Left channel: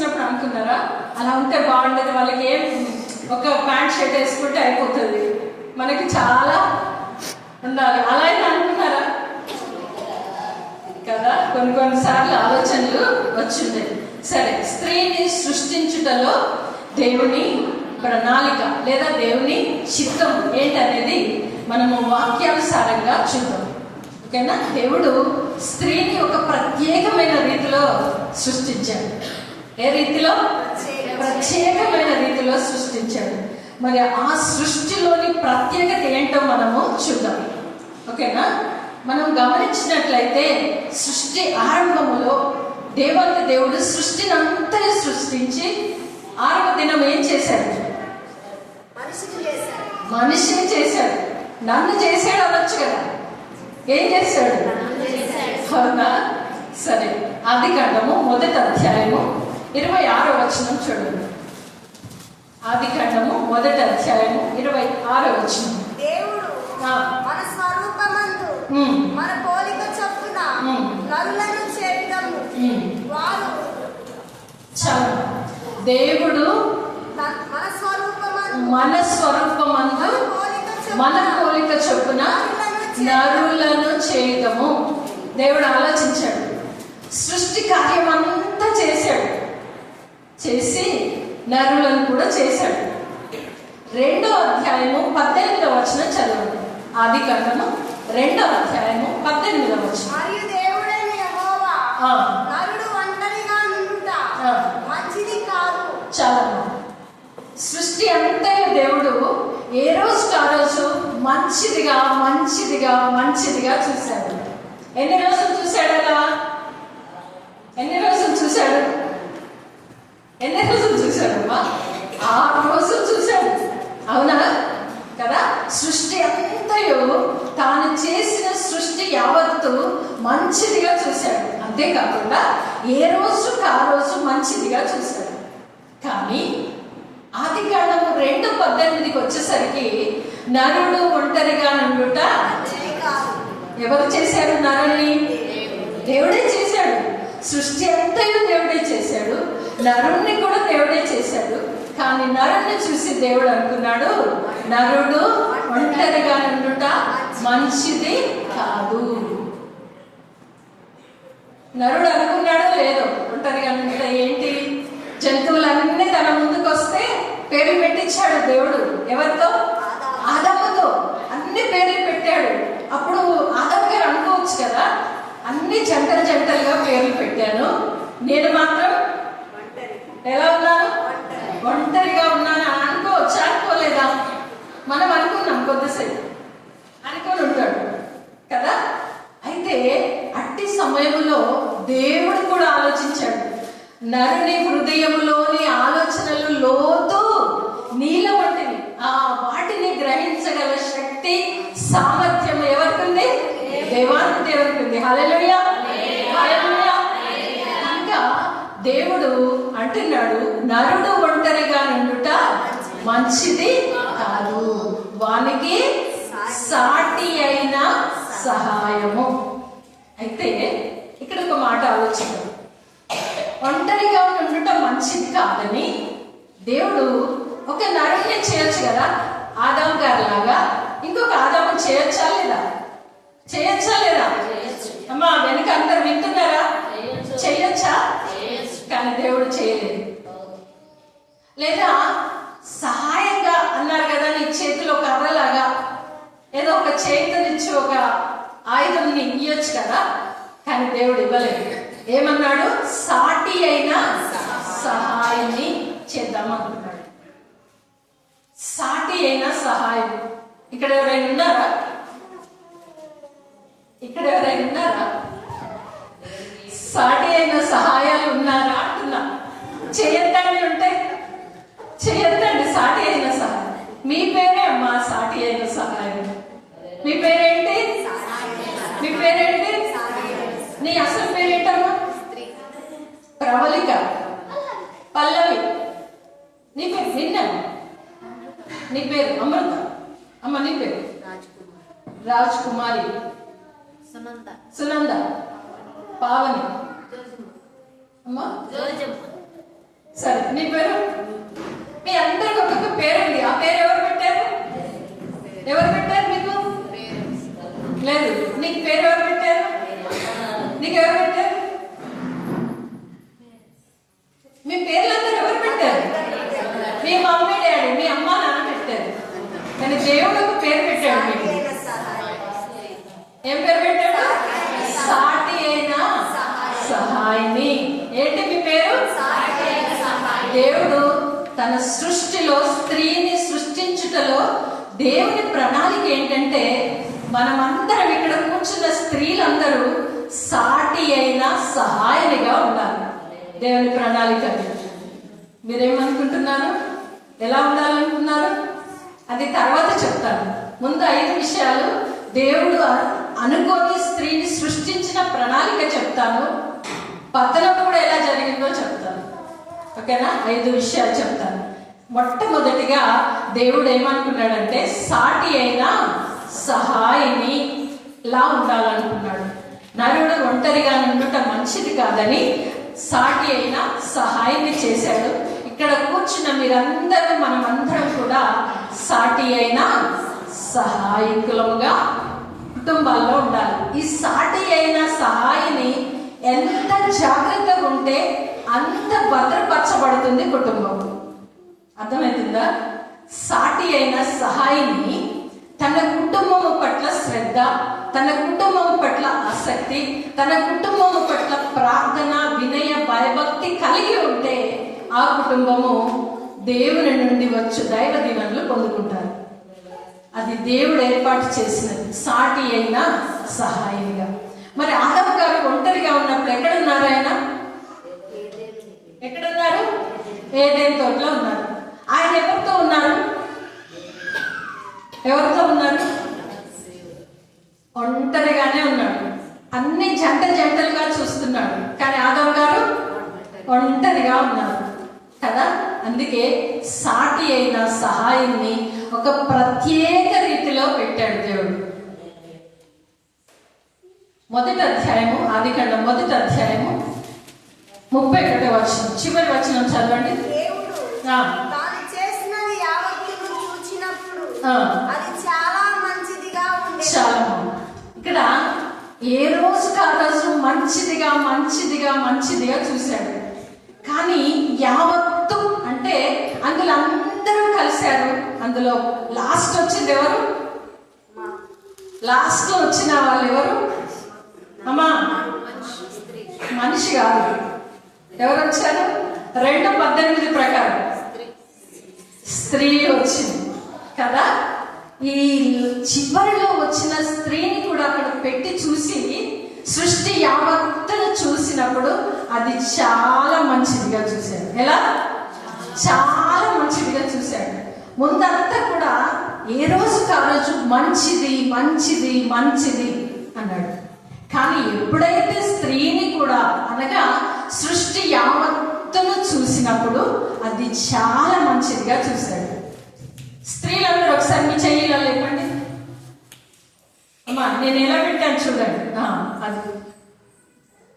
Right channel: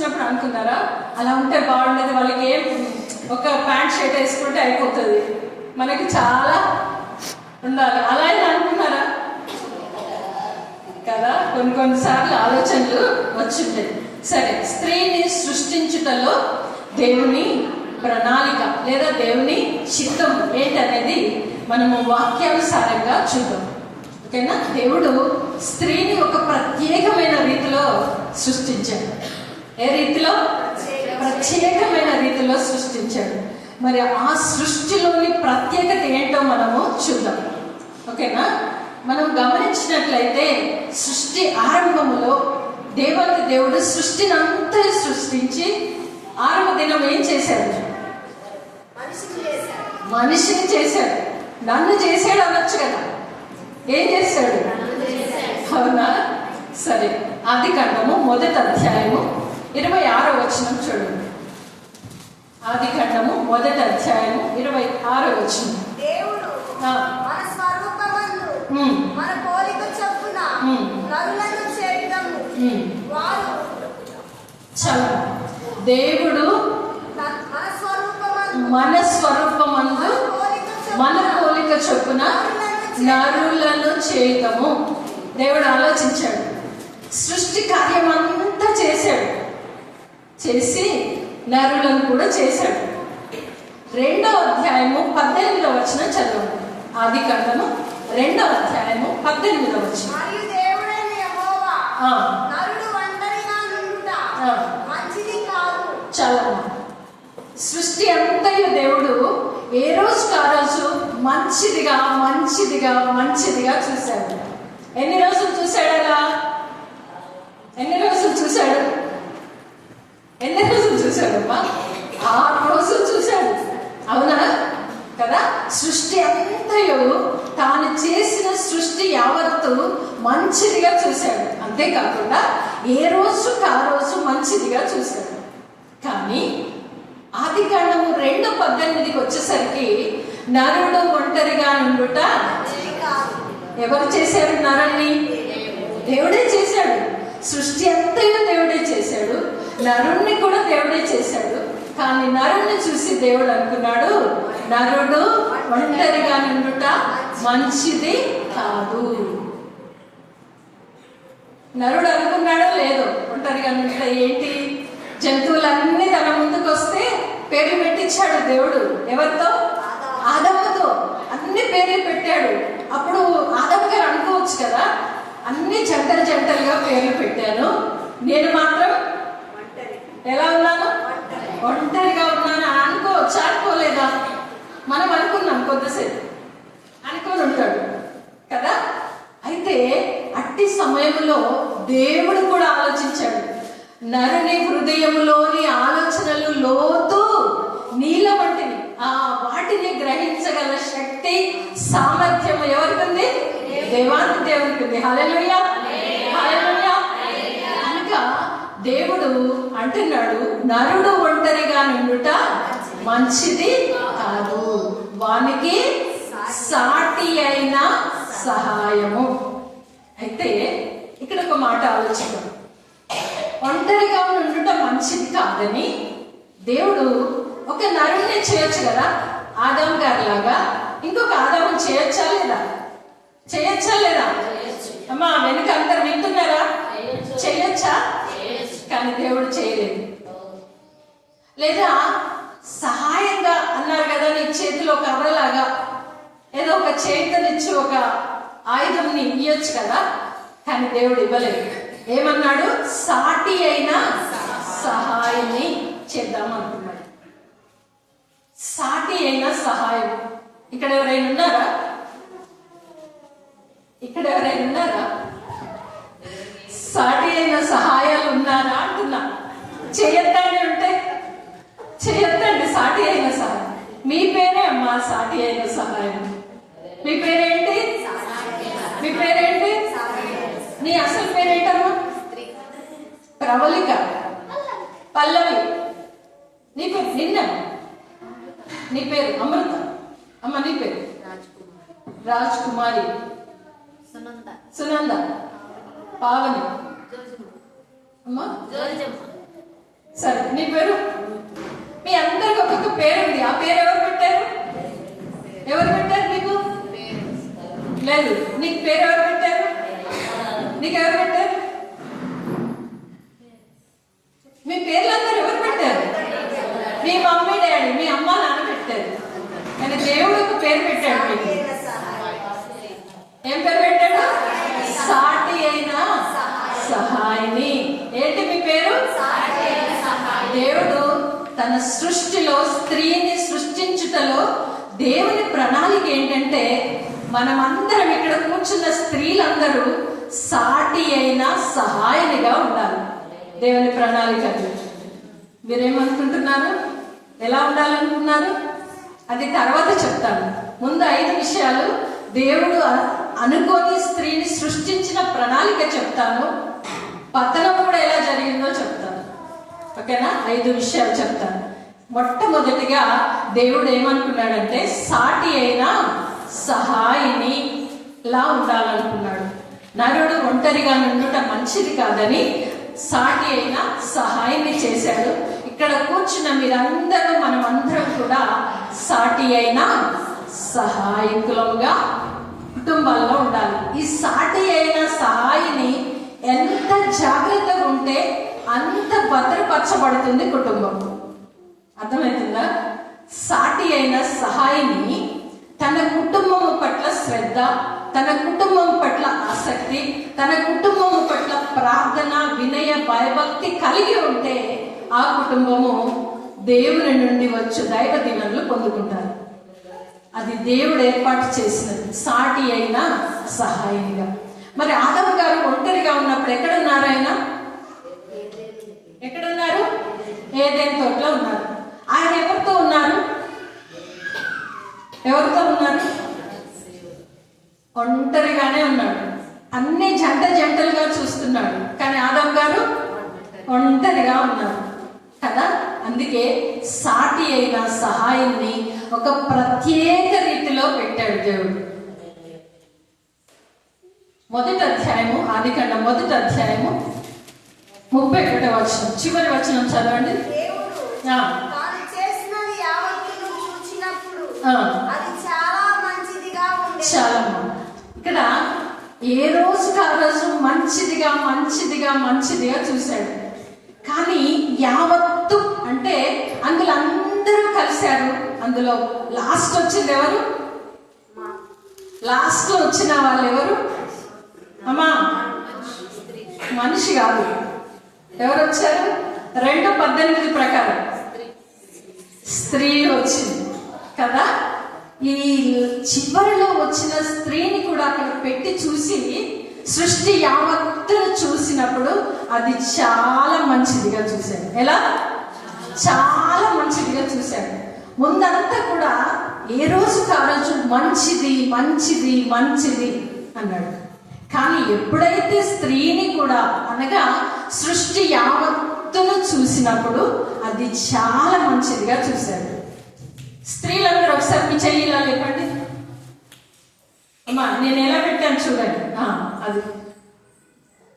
చూసినప్పుడు అనుకున్నారా అలా ఉంటే బాగుండేది, వాళ్ళకి ఏం ఒక ప్యాంట్ షర్ట్ వేసుకుంటే అయిపోతుంది, మనకి చాలా ఉండాలి అలా అయినా అనుకున్నారా కదా? కొన్నిసార్లు ఆలోచనలు వచ్చిండేది. సరే, స్త్రీని సృష్టించుటలో దేవుని ప్రణాళిక లేదా దేవుని చిత్తం ఏంటనేది మనము వాక్యానుసారంగా చూద్దాం. ఓకేనా? దేవుడు స్త్రీని ఒక ప్రత్యేకమైన రీతిలో సృష్టించాడు. ఏ రీతిలో? ప్రత్యేకమైన రీతిలో సృష్టించాడు. మరి ఆ సృష్టిలోని ప్రత్యేకత ఏంటో మనము చూద్దాం. ఓకేనా? మనం గమనించినట్లయితే సృష్టి ఆరంభములో దేవాది దేవుడు సృష్టిని అంతా సృష్టించి 6వ దినం ఏం చేశాడు? మనిషిని చేశాడు. నన్ను చేశాడు అనొచ్చు కదా, ఏం చేశాడు? అవునా? సరే, ఆదికాండము 1వ అధ్యాయము 26వ వచనం చూడండి. ఆదికాండము 1వ అధ్యాయము 26వ వచనం. దేవుడు మన స్వరూపమందు మన పోలిక చొప్పున నరులను చేయడము వారు చాలు. దేవుడు మన స్వరూపమందు మన పోలిక చొప్పున నరులను చేయడము. దేవుడు ఆలోచించాడు, సృష్టి కార్యం అంతా చేశాడు, చేసి నరులను కూడా చేశాడు. 2వ అధ్యాయము 18వ వచనం చదవండి. ఆదికాండము 2వ అధ్యాయము 18వ వచనం. మరియు దేవుడైన యెహోవా నరుడు ఒంటరిగా నుండుట మంచిది కాదు. చాలా సృష్టి అంతయు దేవుడు ఏ రోజుకి ఆ రోజు మంచిదిగా మంచిదిగా మంచిదిగా చూశాడు. ఎన్ని రోజులు చూశాడు అలా? ఎన్ని రోజులు చూశాడు? ఎన్ని రోజులు చూశాడమ్మా? 6 రోజులు చూశాడు. అవునా కదా? సృష్టి అంతయు తాను చేసిన సృష్టి యావత్తు మంచిదిగా చూశాడు. అంతేకాకుండా ఏ రోజుకి ఆ రోజు మంచిదిగా చూశాడు. కానీ ఆదికాండము 2:18కి వచ్చేసరికి నరుడు ఒంటరిగా నుండుట. ఎవరు చేశారు నరుణ్ణి? దేవుడే చేశాడు. సృష్టి అంతయు దేవుడే చేశాడు, నరుణ్ణి కూడా దేవుడే చేశాడు. కానీ నరుణ్ణి చూసి దేవుడు అనుకున్నాడు, నరుడు ఒంటరిగా నుండుట మంచిది కాదు. నరుడు అనుకున్నాడో లేదో, ఒంటరిగా నుండుట ఏంటి? జంతువులన్నీ తన ముందుకు వస్తే పేరు పెట్టించాడు దేవుడు. ఎవరితో? ఆదాముతో అన్ని పేర్లు పెట్టాడు. అప్పుడు ఆదాము గారు అనుకోవచ్చు కదా, అన్ని జంటలు జంటలుగా పేర్లు పెట్టాను, నేను మాత్రం ఎలా ఉన్నాను? ఒంటరిగా ఉన్నాను అని అనుకోవచ్చు. అనుకోలేదా? మనం అనుకున్నాం, కొద్దిసేపు అనుకొని ఉంటాడు కదా. అయితే అట్టి సమయంలో దేవుడు కూడా ఆలోచించాడు, నరుని హృదయంలోని ఆలోచనలు లోతు నీళ్ళ వంటివి, ఆ వాటిని గ్రహించగల శక్తి సామర్థ్యం ఎవరికి ఉంది? దేవాది దేవుడికి ఉంది. హల్లెలూయా, హల్లెలూయా. కనుక దేవుడు అంటున్నాడు, నరుడు ఒంటరిగా నుండుట మంచిది కాదు, వానికి సాటి అయిన సహాయము. అయితే ఇక్కడ ఒక మాట ఆలోచిద్దాం. ఒంటరిగా ఉండటం మంచిది కాదని దేవుడు ఒక నరుడిని చేయొచ్చు కదా, ఆదాము గారి లాగా ఇంకొక ఆదాము చేయొచ్చా లేదా? చేయొచ్చా లేదా? అమ్మా వెనుక అందరు వింటున్నారా? చేయొచ్చా? కానీ దేవుడు చేయలేదు. లేదా సహాయంగా అన్నారు కదా, నీ చేతిలో కర్రలాగా ఏదో ఒక చేతనిచ్చి ఒక ఆయుధంని ఇయ్యొచ్చు కదా, కానీ దేవుడు ఇవ్వలేదు. ఏమన్నాడు? సాటి అయిన సహాయాన్ని చేద్దామనుకున్నాడు. సాటి అయిన సహాయం. ఇక్కడ ఎవరైనా ఉన్నారా? ఇక్కడ ఎవరైనా ఉన్నారా? సాటి అయిన సహాయాలు ఉన్నారా అంటున్నా. చేయొద్దండి, ఉంటే చేయొద్దండి. సాటి అయిన సహాయం. మీ పేరే అమ్మా సాటి అయిన సహాయం. మీ పేరేంటి? మీ పేరేంటి? నీ అసలు పేరేంటమ్మా? ప్రవళిక, పల్లవి. నీ పేరు నిన్న? నీ పేరు అమృత. అమ్మ నీ పేరు? రాజ్ కుమారి, సునంద, పావని, అమ్మా సరే, నీ పేరు? మీ అందరికి ఒక్కొక్క పేరు ఉంది. ఆ పేరు ఎవరు పెట్టారు? ఎవరు పెట్టారు మీకు? లేదు. నీకు పేరు ఎవరు పెట్టారు? నీకు ఎవరు పెట్టారు? మీ పేర్లందరూ ఎవరు పెట్టారు? మీ మమ్మీ డాడీ, మీ అమ్మ నాన్న పెట్టారు. కానీ దేవుడు ఒక పేరు పెట్టాడు మీకు. ఏం పేరు పెట్టాడు? సాటి అయిన సహాయిని. ఏంటి మీ పేరు? దేవుడు తన సృష్టిలో స్త్రీని సృష్టించుటలో దేవుని ప్రణాళిక ఏంటంటే మనమందరం ఇక్కడ కూర్చున్న స్త్రీలందరూ సాటి అయిన సహాయనిగా ఉండాలి. దేవుని ప్రణాళిక. మీరేమనుకుంటున్నారు? ఎలా ఉండాలనుకున్నారు? అది తర్వాత చెప్తాను. ముందు 5 విషయాలు దేవుడు అనుకోని స్త్రీని సృష్టించిన ప్రణాళిక చెప్తాను. పతనం కూడా ఎలా జరిగిందో చెప్తాను. ఓకేనా? 5 విషయాలు చెప్తాను. మొట్టమొదటిగా దేవుడు ఏమనుకున్నాడంటే సాటి అయిన సహాయిని లా ఉండాలనుకున్నాడు. నరుడు ఒంటరిగా నుండుట మంచిది కాదని సాటి అయిన సహాయిని చేశాడు. ఇక్కడ కూర్చున్న మీరందరూ మనమందరం కూడా సాటి అయిన సహాయకులంగా కుటుంబాల్లో ఉండాలి. ఈ సాటి అయిన సహాయిని ఎంత జాగ్రత్తగా ఉంటే అంత భద్రపరచబడుతుంది కుటుంబం. అర్థమవుతుందా? సాటి అయిన సహాయిని తన కుటుంబము పట్ల శ్రద్ధ, తన కుటుంబం పట్ల ఆసక్తి, తన కుటుంబం పట్ల ప్రార్థన, వినయ, భయభక్తి కలిగి ఉంటే ఆ కుటుంబము దేవుని నుండి వచ్చే దైవ దీవెనలు పొందుకుంటారు. అది దేవుడు ఏర్పాటు చేసినది, సాటి అయిన సహాయిగా. మరి ఆదమ్ గారు ఒంటరిగా ఉన్నప్పుడు ఎక్కడున్నారు? ఆయన ఎక్కడున్నారు? ఏదైనా తోటలో ఉన్నారు. ఆయన ఎవరితో ఉన్నారు? ఎవరితో ఉన్నారు? ఒంటరిగానే ఉన్నాడు. అన్ని జంటలుగా చూస్తున్నాడు. కానీ ఆదమ్ గారు ఒంటరిగా ఉన్నారు కదా. అందుకే సాటి అయిన సహాయాన్ని ఒక ప్రత్యేక రీతిలో పెట్టాడు దేవుడు. మొదటి అధ్యాయము, ఆదికాండం 1వ అధ్యాయము 31వ వచనం, చివరి వచనం చదవండి. చాలా ఇక్కడ ఏ రోజుకి ఆ రోజు మంచిదిగా చూశాడు. కానీ యావత్తు అంటే అందులో అందరూ కలిశారు. అందులో లాస్ట్ వచ్చింది ఎవరు? లాస్ట్ లో వచ్చిన వాళ్ళు ఎవరు? అమ్మా, మనిషి కాదు. ఎవరు వచ్చారు? 2:18 ప్రకారం స్త్రీ వచ్చింది కదా. ఈ చివరిలో వచ్చిన స్త్రీని కూడా అక్కడ పెట్టి చూసి సృష్టి యావత్తును చూసినప్పుడు అది చాలా మంచిదిగా చూశాడు. ఎలా? చాలా మంచిదిగా చూశాడు. ముందంతా కూడా ఏ రోజుకి ఆ రోజు మంచిది అన్నాడు. కానీ ఎప్పుడైతే స్త్రీని కూడా అనగా సృష్టి యావత్తును చూసినప్పుడు అది చాలా మంచిదిగా చూశాడు. స్త్రీలందరూ ఒకసారి మీ చెయ్యిలో లేకండి. అమ్మా, నేను ఎలా పెట్టాను చూడండి. అది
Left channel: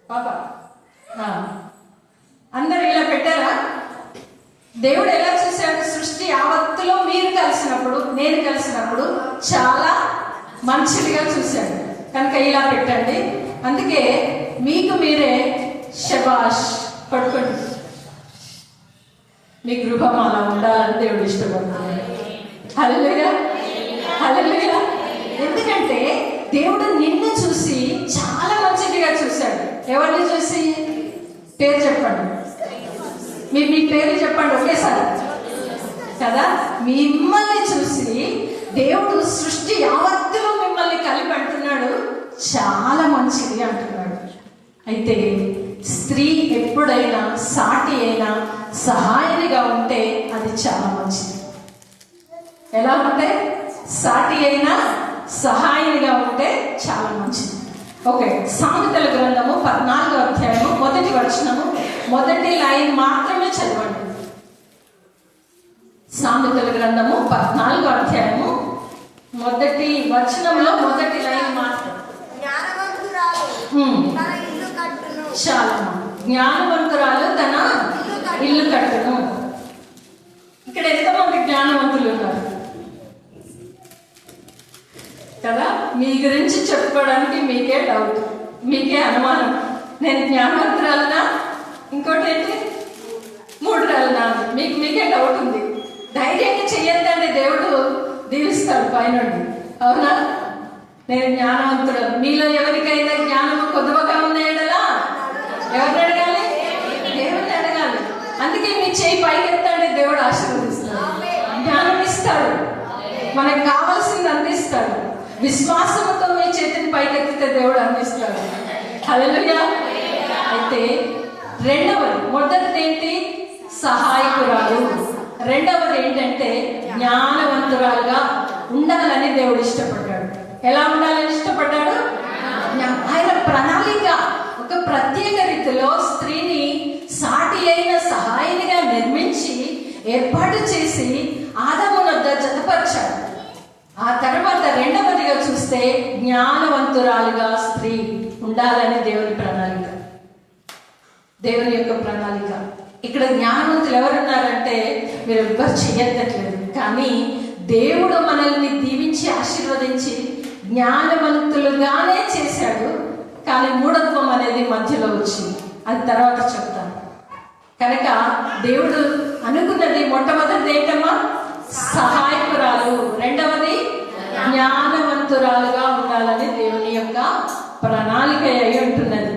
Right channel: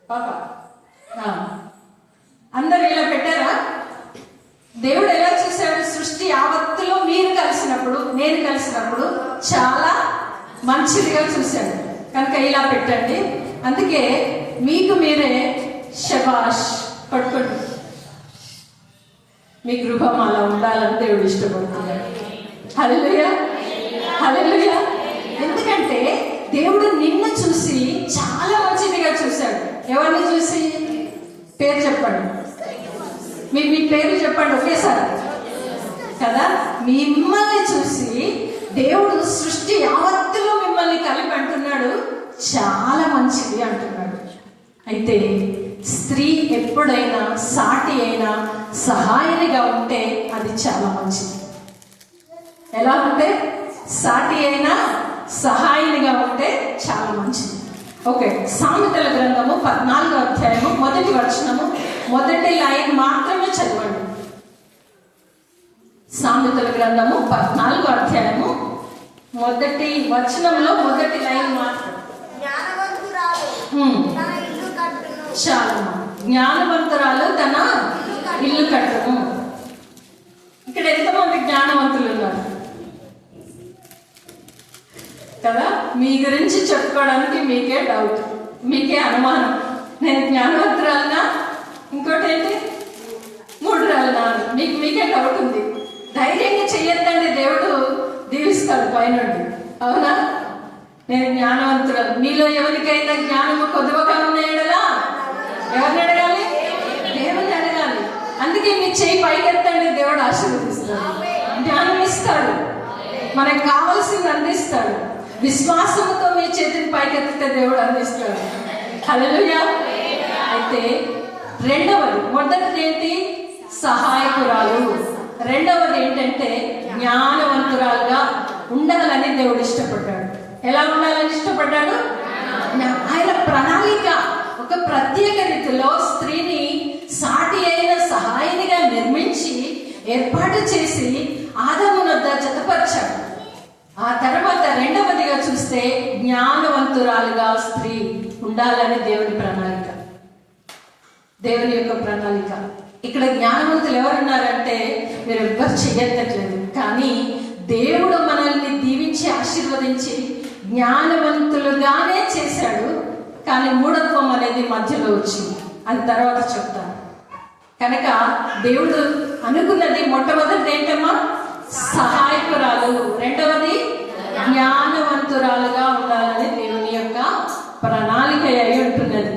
పాప, అందరు ఇలా పెట్టారా? దేవుడు ఎలా చూశాడు? సృష్టి యావత్తులో మీరు కలిసినప్పుడు, నేను కలిసినప్పుడు చాలా మంచిదిగా చూశాడు. కనుక ఇలా పెట్టండి. అందుకే మీకు మీరే శబాష్ పట్టుకోండి. మీ గృహం అలా ఉండాలని దేవుడు ఇష్టపడుతున్నాడు. హల్లెలూయా, హల్లెలూయా. ఎందుకంటే దేవుడు నిన్ను చూసి చాలా మంచిదిగా చూశాడు. ఎవరిని చూసి? పేరు చెప్పండి. మీ పేరు చెప్పండి ఒకేసారి కదా. మిమ్మల్ని చూసి దేవుడు సృష్టి యావత్తులో మిమ్మల్ని కలిపి అంటున్నాడు చాలా మంచిది అంటున్నాడు. అయితే స్త్రీ ఎప్పుడైనా సాటి అయినా సహాయనిగా ఉంటే అది చాలా మంచిది. ఎలా ఉంటే? సాటి అయినా సహాయనిగా ఉంటే చాలా మంచిది. ఓకే, సామెతల గ్రంథము 14వ అధ్యాయము 1వ వచనము, మొదటి లైన్ మాత్రమే చదవండి. సామెతల గ్రంథము 14వ అధ్యాయము 1వ వచనంలో మొదటి లైన్ మాత్రం. చాలా జ్ఞానవంతురాలు తన ఇల్లు కట్టును. కదా. మీ గురించి చెప్పుకోవడానికి మీకే డౌట్, మీకే అనుమానం. నేను జ్ఞానవంతురాలనా, ఇంకోటి ఏంటి మూఢురాలనా, మీకే డౌట్ ఉంది. ధైర్యంగా చెయ్యొద్దండి, దేవుడు దీవిస్తాడు పైనుండి. అవునా? నేను జ్ఞానవంతుడు. మీలో ఎవరికైనా జ్ఞానము కొద్దిగా ఉన్నాయడలా ఎవరిని అడగాలి? దేవుడిని అడగాలి. అందుకే మీ చేయి పైకెత్తండి, దేవుడు ఆశీర్వదిస్తాడు, జ్ఞానం ఇస్తాడు, మనకు కావాల్సింది అందిస్తాడు. విశ్వాసంతో మీ చేతిని పైకెత్తితే దేవుడు అందిస్తాడు. హల్లెలూయా. అయితే రెండవది, మొదటిది ఏంటి? సహాయకురాలు. రెండవది ఏంటంటే జ్ఞానవంతురాలుగా ఉండాలని దేవుడు ఇష్టపడ్డాడు. ఎలా ఉండాలని ఇష్టపడ్డాడు? ఆయన ప్రణాళిక ఒక ప్రత్యేక రీతిలో స్త్రీని సాటి అయిన సహాయినిగా నిర్మించి ఏర్పాటు చేసి ఆదామునొద్ద జతపరిచాడు. ఆ తర్వాత రెండవదిగా చూస్తే జ్ఞానవంతురాలుగా స్త్రీ ఉండాలని దేవుని ప్రణాళిక, దేవుని యొక్క ప్రణాళిక. ఇక్కడ జ్ఞానవంతులు ఎవరున్నారంటే మీరు ఎవ్వరు చెయ్యట్లేదు, కానీ దేవుడు మనల్ని దీవించి ఆశీర్వదించి జ్ఞానవంతులుగానే చేశాడు. కానీ మూఢత్వం అనేది మధ్యలో వచ్చింది, అది తర్వాత చెప్తాను. కనుక దేవుడు అనుకున్నది మొట్టమొదటిది ఏంటమ్మా? సహాయకురాలు. రెండవది జ్ఞానవంతురాలుగా ఉండాలని దేవుని యొక్క ప్రణాళిక అయి ఉంటున్నది.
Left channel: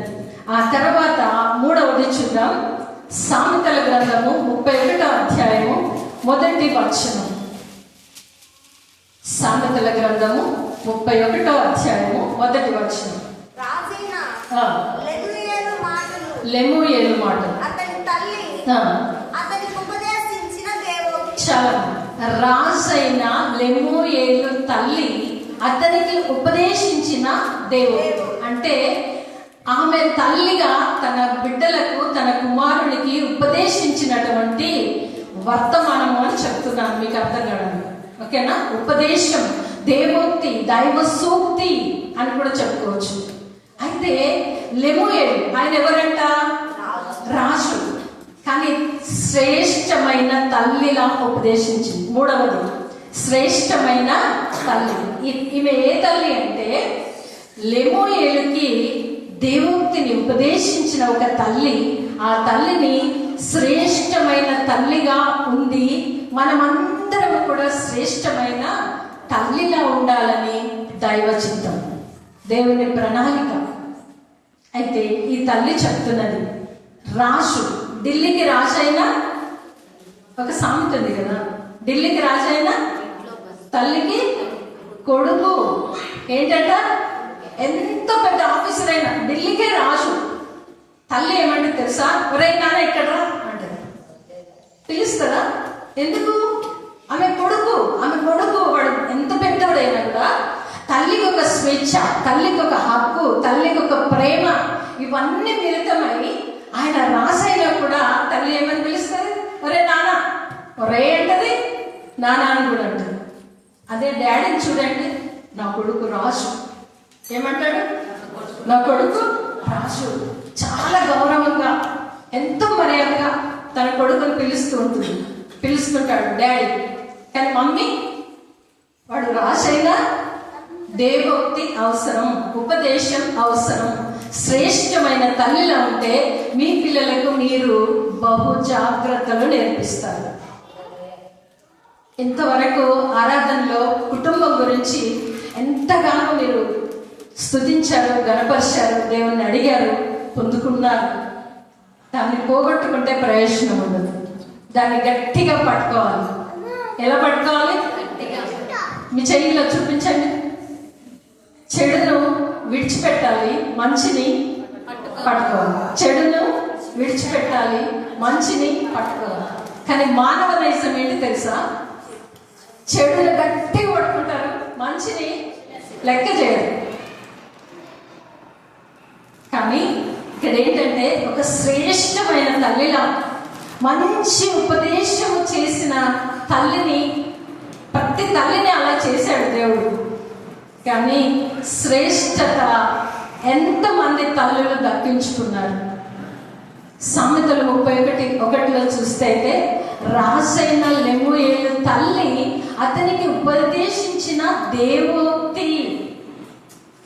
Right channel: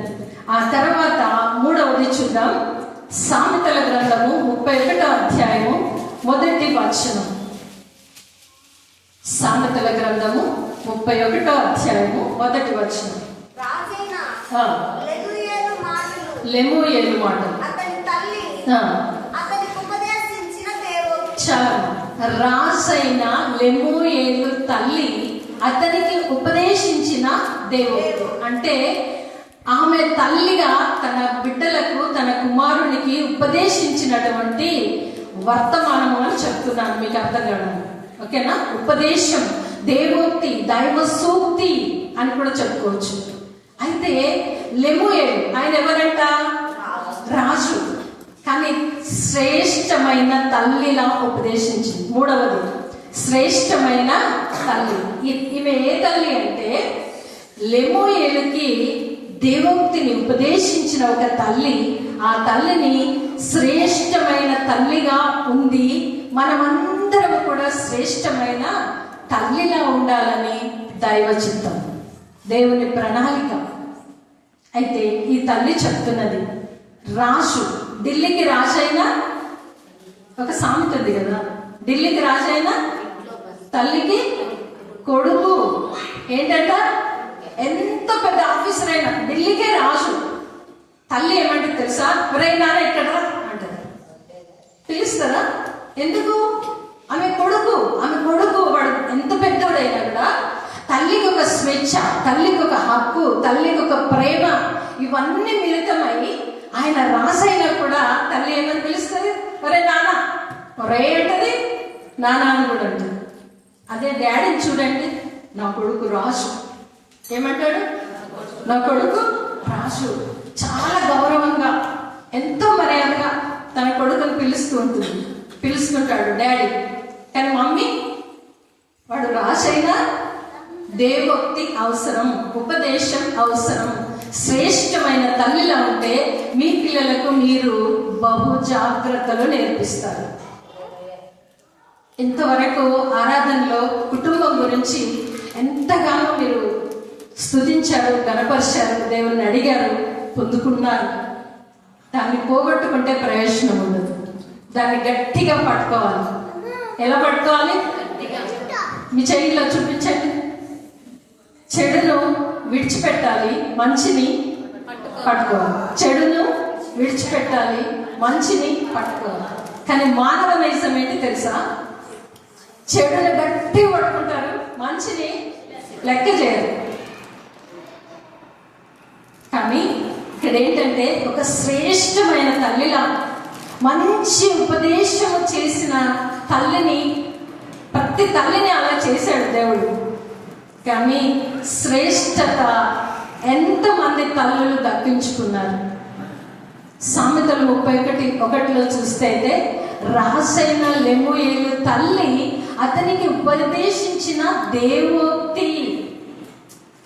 ఆ తర్వాత మూడవది చూద్దాం. సామెతల గ్రంథము 31వ అధ్యాయము 1వ వచనం. సామెతల గ్రంథము 31వ అధ్యాయము 1వ వచనం. లెమూయేలు మాటలు. రాజైన లెమూయేలు తల్లి అతనికి ఉపదేశించిన దేవుడు. అంటే ఆమె తల్లిగా తన బిడ్డలకు, తన కుమారునికి ఉపదేశించినటువంటి వర్తమానము అని చెప్తున్నాను, మీకు అర్థం కావాలి. ఓకేనా? ఉపదేశం, దేవోక్తి, దైవ సూక్తి అని కూడా చెప్పుకోవచ్చు. అయితే లెమూయేలు ఆయన ఎవరంట? రాజు. కానీ శ్రేష్టమైన తల్లిలా ఉపదేశించింది. మూడవది శ్రేష్టమైన తల్లి. ఈమె ఏ తల్లి అంటే లెమూయేలుకి దేవోక్తిని ఉపదేశించిన ఒక తల్లి. ఆ తల్లిని శ్రేష్టమైన తల్లిగా ఉంది. మనమందరం కూడా శ్రేష్టమైన తల్లిలా ఉండాలని దైవ చిత్తం, దేవుని ప్రణాళిక. అయితే ఈ తల్లి చెప్తున్నది, రాజు, ఢిల్లీకి రాజైన ఒక సామెత ఉంది కదా, ఢిల్లీకి రాజైన తల్లికి కొడుకు ఏంటంట? ఎంత పెద్ద ఆఫీసర్ అయినా ఢిల్లీకే రాజు. తల్లి ఏమంటే తెలుసా? ఎవరైనా ఇక్కడ అంటారు, పిలుస్తారా? ఎందుకు? ఆమె కొడుకు వాడు ఎంత పెద్దవాడైనా కూడా తల్లికి ఒక స్వేచ్ఛ, తల్లికి ఒక హక్కు, తల్లికి ఒక ప్రేమ, ఇవన్నీ మిళితమై ఆయన రాసైనా కూడా తల్లి ఏమని పిలుస్తుంది? ఒరే నాన్న, ఒరే అంటది, నాన్న అని కూడా అంటది. అదే డాడీని చూడండి, నా కొడుకు రాజు ఏమంటాడు? నా కొడుకు రాజు. చాలా గౌరవంగా, ఎంతో మర్యాదగా తన కొడుకుని పిలుస్తుంటాడు డాడీ. కానీ మమ్మీ, వాడు రాజైనా దేవోక్తి అవసరం, ఉపదేశం అవసరం. శ్రేష్టమైన తల్లిలా ఉంటే మీ పిల్లలకు మీరు బహు జాగ్రత్తలు నేర్పిస్తారు. ఇంతవరకు ఆరాధనలో కుటుంబం గురించి ఎంతగానో మీరు స్తుతించారు, గణపరిచారు, దేవుణ్ణి అడిగారు, పొందుకున్నారు. దాన్ని పోగొట్టుకుంటే ప్రయోజనం ఉండదు. దాన్ని గట్టిగా పట్టుకోవాలి. ఎలా పట్టుకోవాలి? మీ చెయ్యిలో చూపించండి. చెడును విడిచిపెట్టాలి, మంచిని పట్టుకోవాలి. చెడును విడిచిపెట్టాలి, మంచిని పట్టుకోవాలి. కానీ మానవ నైజం ఏంటి తెలుసా? చెడును గట్టి పట్టుకుంటారు, మంచిని లెక్క చేయరు. కానీ ఇక్కడ ఏంటంటే ఒక శ్రేష్టమైన తల్లిలా మంచి ఉపదేశము చేసిన తల్లిని, ప్రతి తల్లిని అలా చేశాడు దేవుడు. కానీ శ్రేష్టత ఎంతమంది తల్లులు దక్కించుకున్నారు? సామెతలు 31:1 చూస్తే అయితే రాజైన లెమూయేలు తల్లి అతనికి ఉపదేశించిన దేవోక్తి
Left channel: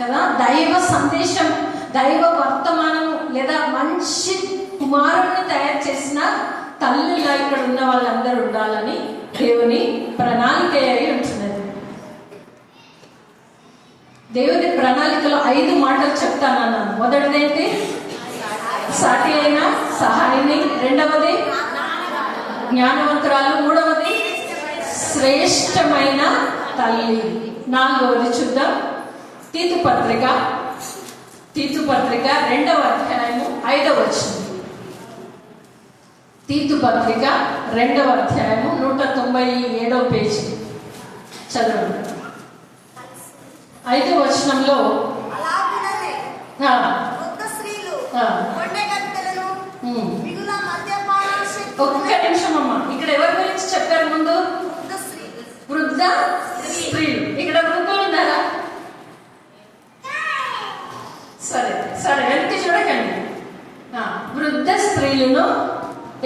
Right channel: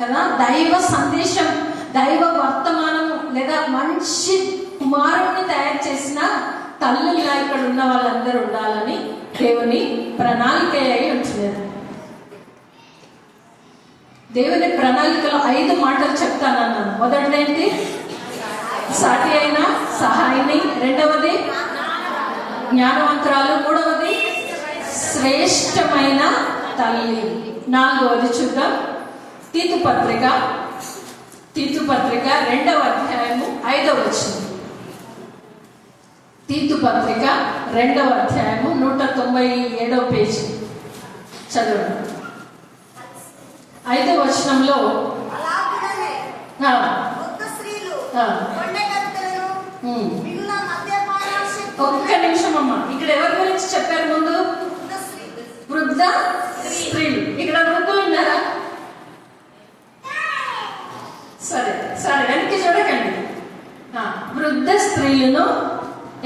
కదా. దైవ సందేశం, దైవ వర్తమానం లేదా మంచి కుమారుడిని తయారు చేసిన తల్లుల్లా ఇక్కడ ఉన్న వాళ్ళందరూ ఉండాలని దేవుని ప్రణాళిక అయి ఉంటున్నది. దేవుని ప్రణాళికలో 5 మాటలు చెప్తానన్నాను. మొదటిదేంటి? సాటి అయిన సహాయిని. రెండవది జ్ఞానవంతురాలు. మూడవది శ్రేష్టమైన తల్లి. నాలుగవది చూద్దాం. తీతు పత్రిక 2వ అధ్యాయము 5వ వచనం. తీతు పత్రిక 2వ అధ్యాయము 197వ పేజీ చదవండి. 5వ వచనంలో అలాగుననే వృద్ధ స్త్రీలు కొండెగత్తెలను మిగుల మద్యపానాసక్తులను. ఒక్క నిమిషం అమ్మా, ఇక్కడ ఎవరి గురించి చెప్పారు ముందు? వృద్ధ స్త్రీలు. ఇక్కడ వృద్ధులు ఉన్నారా? సరే సరే, వెనక్కి చూడకండి. వృద్ధ స్త్రీలను